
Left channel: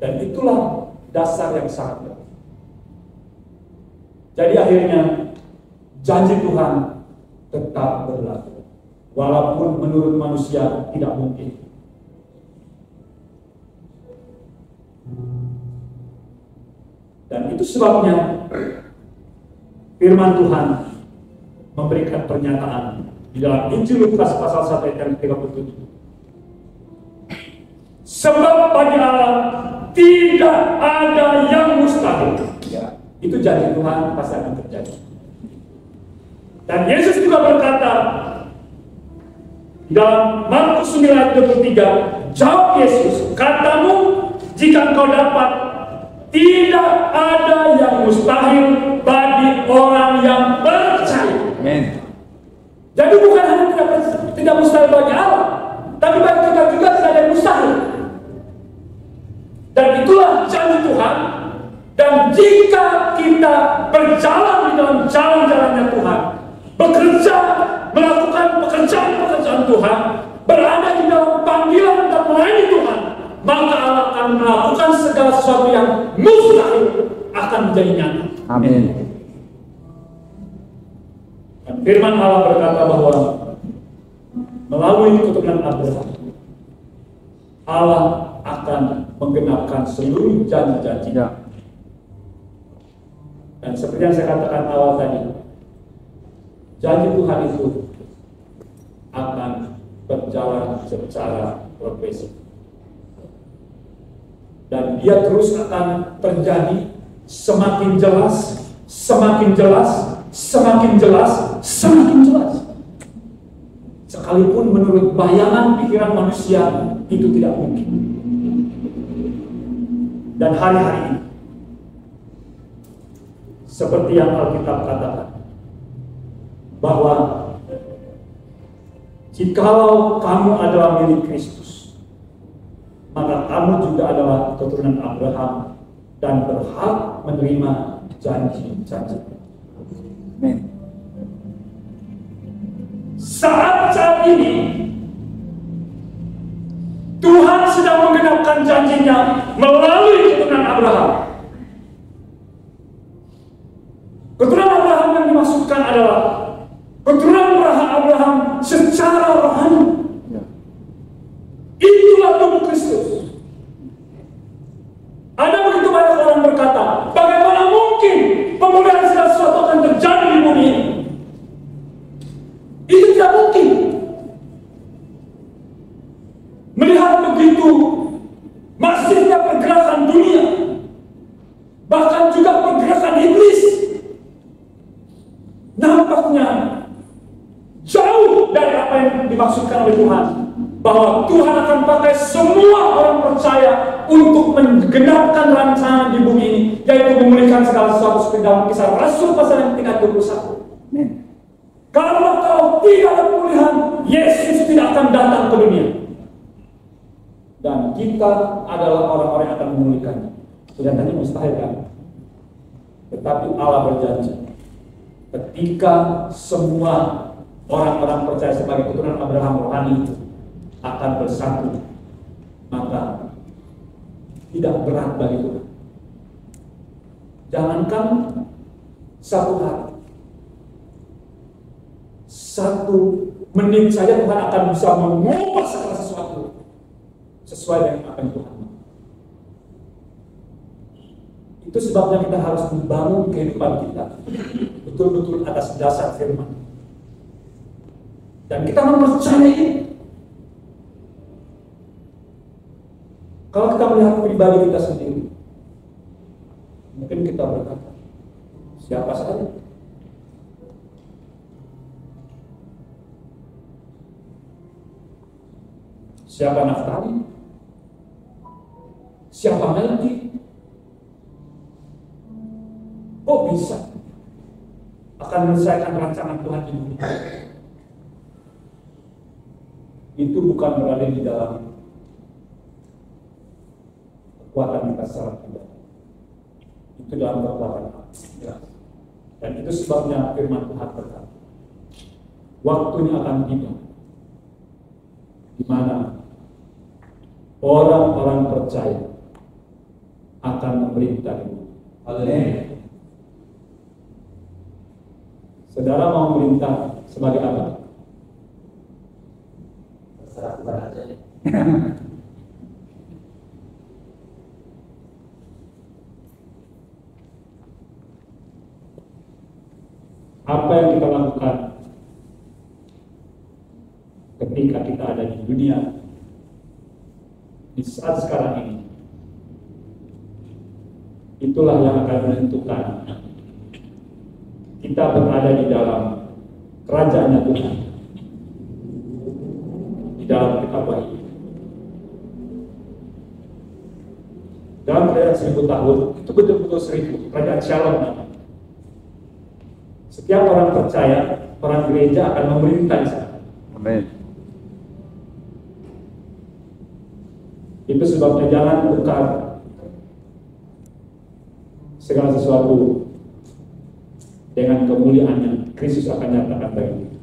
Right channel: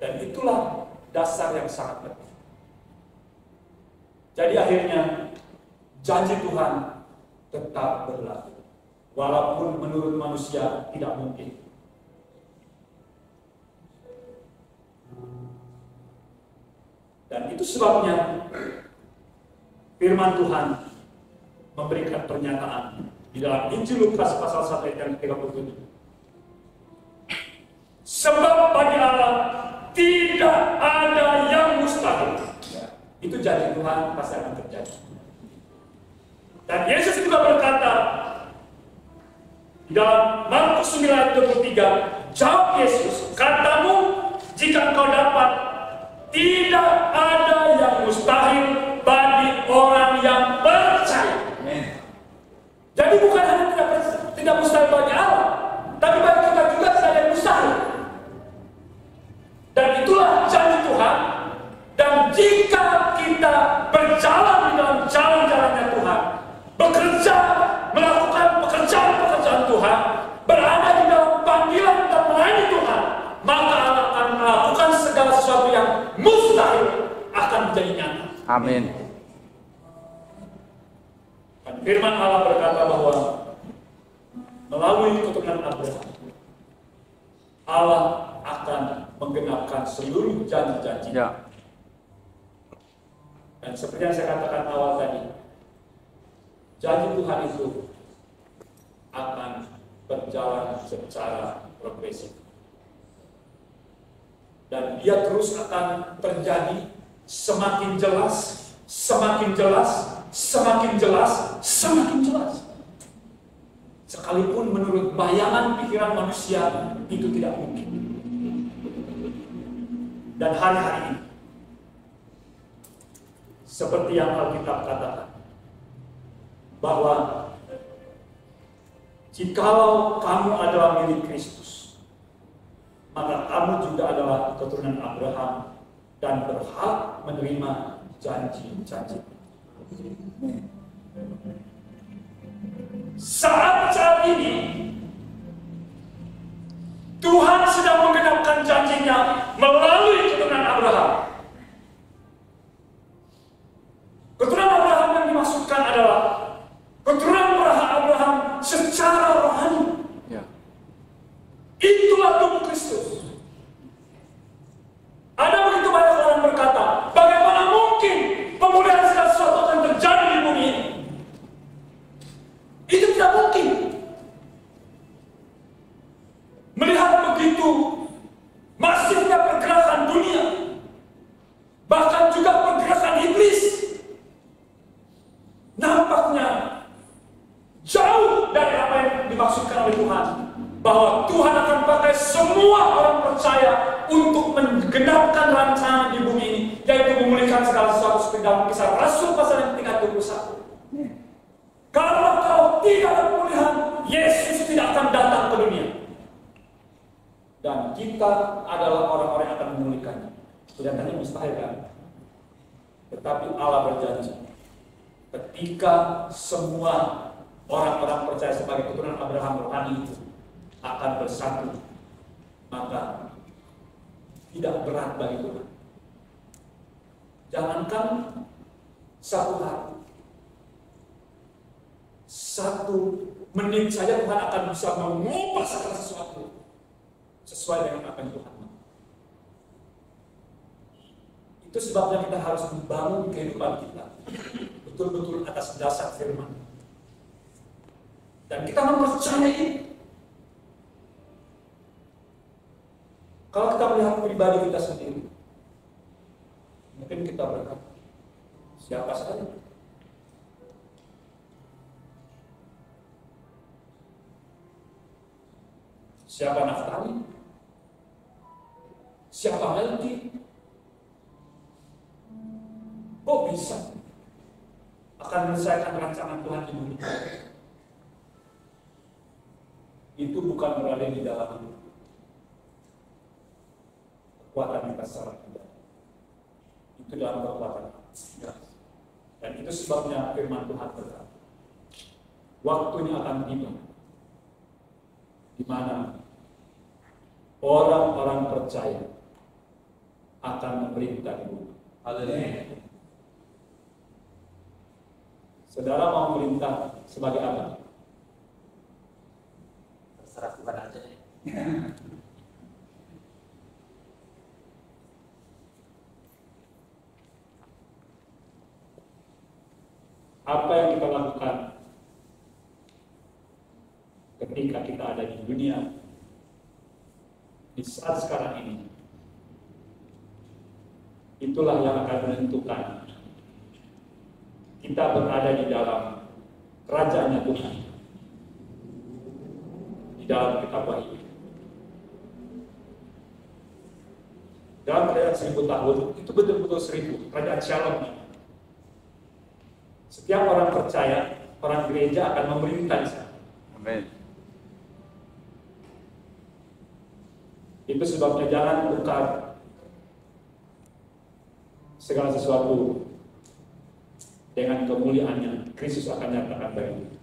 Dan itulah dasar yang sangat penting. Jadi akhirnya janji Tuhan tetap berlaku, walaupun menurut manusia tidak mungkin. Dan itu sebabnya firman Tuhan memberikan pernyataan di dalam Injil Lukas pasal 1 ayat 37. Sebab bagi Allah tidak ada yang mustahil. Ya. Itu janji Tuhan pasti akan terjadi. Dan Yesus juga berkata di dalam Markus 9 ayat 23, jawab Yesus, katamu jika engkau dapat, tidak ada yang mustahil bagi orang yang percaya. Amin. Jadi bukan hanya tidak mustahil bagi Allah, tapi bagi kita juga tidak ada yang mustahil. Dan itulah janji Tuhan. Dan jika kita berjalan di dalam jalan-jalannya Tuhan, bekerja, melakukan pekerjaan-pekerjaan Tuhan, berada di dalam panggilan dan melayani Tuhan, maka Allah akan melakukan segala sesuatu yang mustahil akan menjadi nyata. Amin. Dan firman Allah berkata bahwa melalui keturunan Abraham, Allah akan menggenapkan seluruh janji-janji. Ya. Dan seperti yang saya katakan awal tadi, janji Tuhan itu akan berjalan secara progresif. Dan dia terus akan terjadi semakin jelas, semakin jelas, semakin jelas, semakin jelas. Sekalipun menurut bayangan pikiran manusia itu tidak mungkin. Dan hari-hari ini, seperti yang Alkitab katakan, bahwa jikalau kamu adalah milik Kristus, maka kamu juga adalah keturunan Abraham dan berhak menerima janji-janji. Saat ini Tuhan sedang menggenapkan janjinya melalui keturunan Abraham. Keturunan Abraham yang dimaksudkan adalah keturunan Abraham secara rohani. Ya. Itulah tubuh Kristus. Ada begitu banyak orang berkata, bagaimana mungkin pemulihan segala sesuatu akan terjadi di bumi ini? Itu tidak mungkin. Melihat begitu masifnya pergerakan dunia, bahkan juga pergerakan iblis, nampaknya jauh dari apa yang dimaksudkan oleh Tuhan, bahwa Tuhan akan pakai semua orang percaya untuk menggenapkan rancangan di bumi ini, yaitu memulihkan segala sesuatu seperti dalam Kisah Rasul pasal yang 21. Karena kalau tidak ada pemulihan, Yesus tidak akan datang ke dunia. Dan kita adalah orang-orang yang akan memulihkannya. Kelihatannya mustahil kan? Tetapi Allah berjanji, ketika semua orang-orang percaya sebagai keturunan Abraham rohani itu akan bersatu, maka tidak berat bagi Tuhan. Jangankan satu hari, 1 menit saja Tuhan akan bisa mengubah segala sesuatu sesuai dengan apa yang Tuhan mau. Itu sebabnya kita harus membangun kehidupan kita betul-betul atas dasar firman. Dan kita mempercayai. Kalau kita melihat pribadi kita sendiri, mungkin kita berkata, siapa saya? Siapa Naftali? Siapa Melki? Kok bisa akan menyelesaikan rancangan Tuhan di bumi? Itu bukan berada di dalam kekuatan kita secara pribadi. Itu dalam kekuatan Allah. Dan itu sebabnya firman Tuhan berkata, waktunya akan tiba di mana orang-orang percaya akan memerintah di bumi. Saudara mau memerintah sebagai apa? Terserah Tuhan aja. Apa yang kita lakukan ketika kita ada di dunia di saat sekarang ini, itulah yang akan menentukan kita berada di dalam kerajaannya Tuhan, di dalam kitab Wahyu. Dalam kerajaan 1000 tahun itu betul-betul 1000 kerajaan Shalom. Setiap orang percaya, orang gereja akan memerintah di sana. Amin. Itu sebabnya jangan tukar segala sesuatu dengan kemuliaannya. Kristus akan nyatakan bagi kita.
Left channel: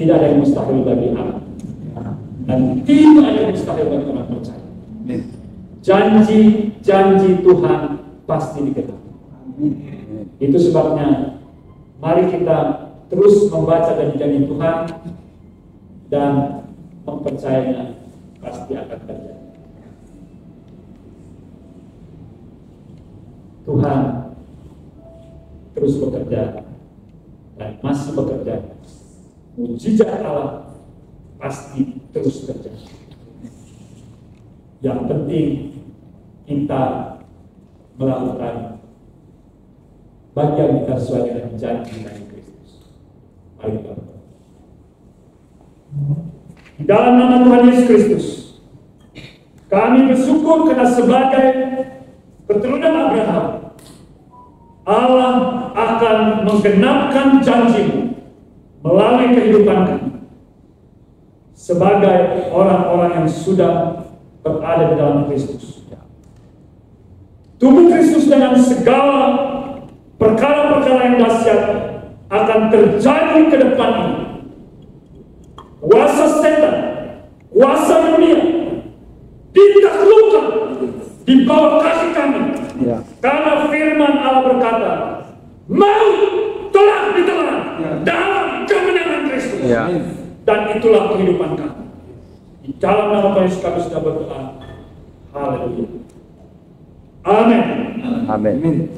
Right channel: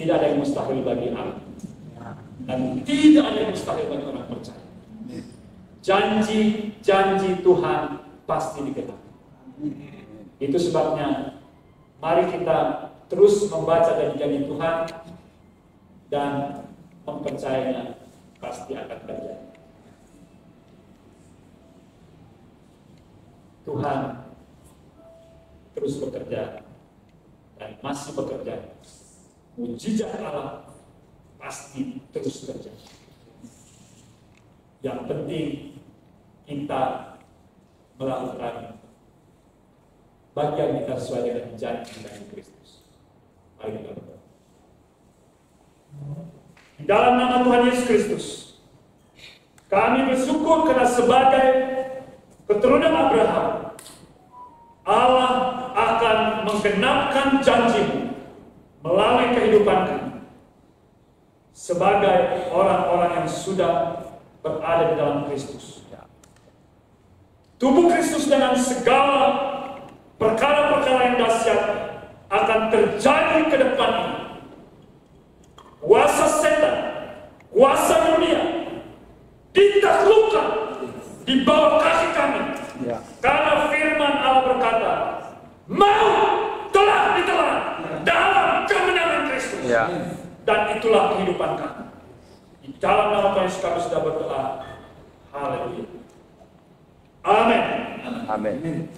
Tidak ada yang mustahil bagi Allah, dan tidak ada yang mustahil bagi orang percaya. Janji Tuhan pasti digenapi. Itu sebabnya mari kita terus membaca janji-janji Tuhan dan mempercayainya pasti akan terjadi. Tuhan terus bekerja dan masih bekerja. Mujizat Allah pasti terus terjadi. Yang penting kita melakukan bagian kita sesuai dengan janji dari Kristus. Mari kita berdoa. Di dalam nama Tuhan Yesus Kristus, kami bersyukur karena sebagai keturunan Abraham, Allah akan menggenapkan janji-Mu melalui kehidupan kami sebagai orang-orang yang sudah berada di dalam Kristus. Tubuh Kristus dengan segala perkara-perkara yang dahsyat akan terjadi ke depan ini. Kuasa setan, kuasa dunia ditaklukkan di bawah kaki kami. Karena firman Allah berkata, maut telah ditelan dalam kemenangan Kristus. Dan itulah kehidupan kami. Di dalam nama Tuhan Yesus kami sudah berdoa. Haleluya. Amin. Amin.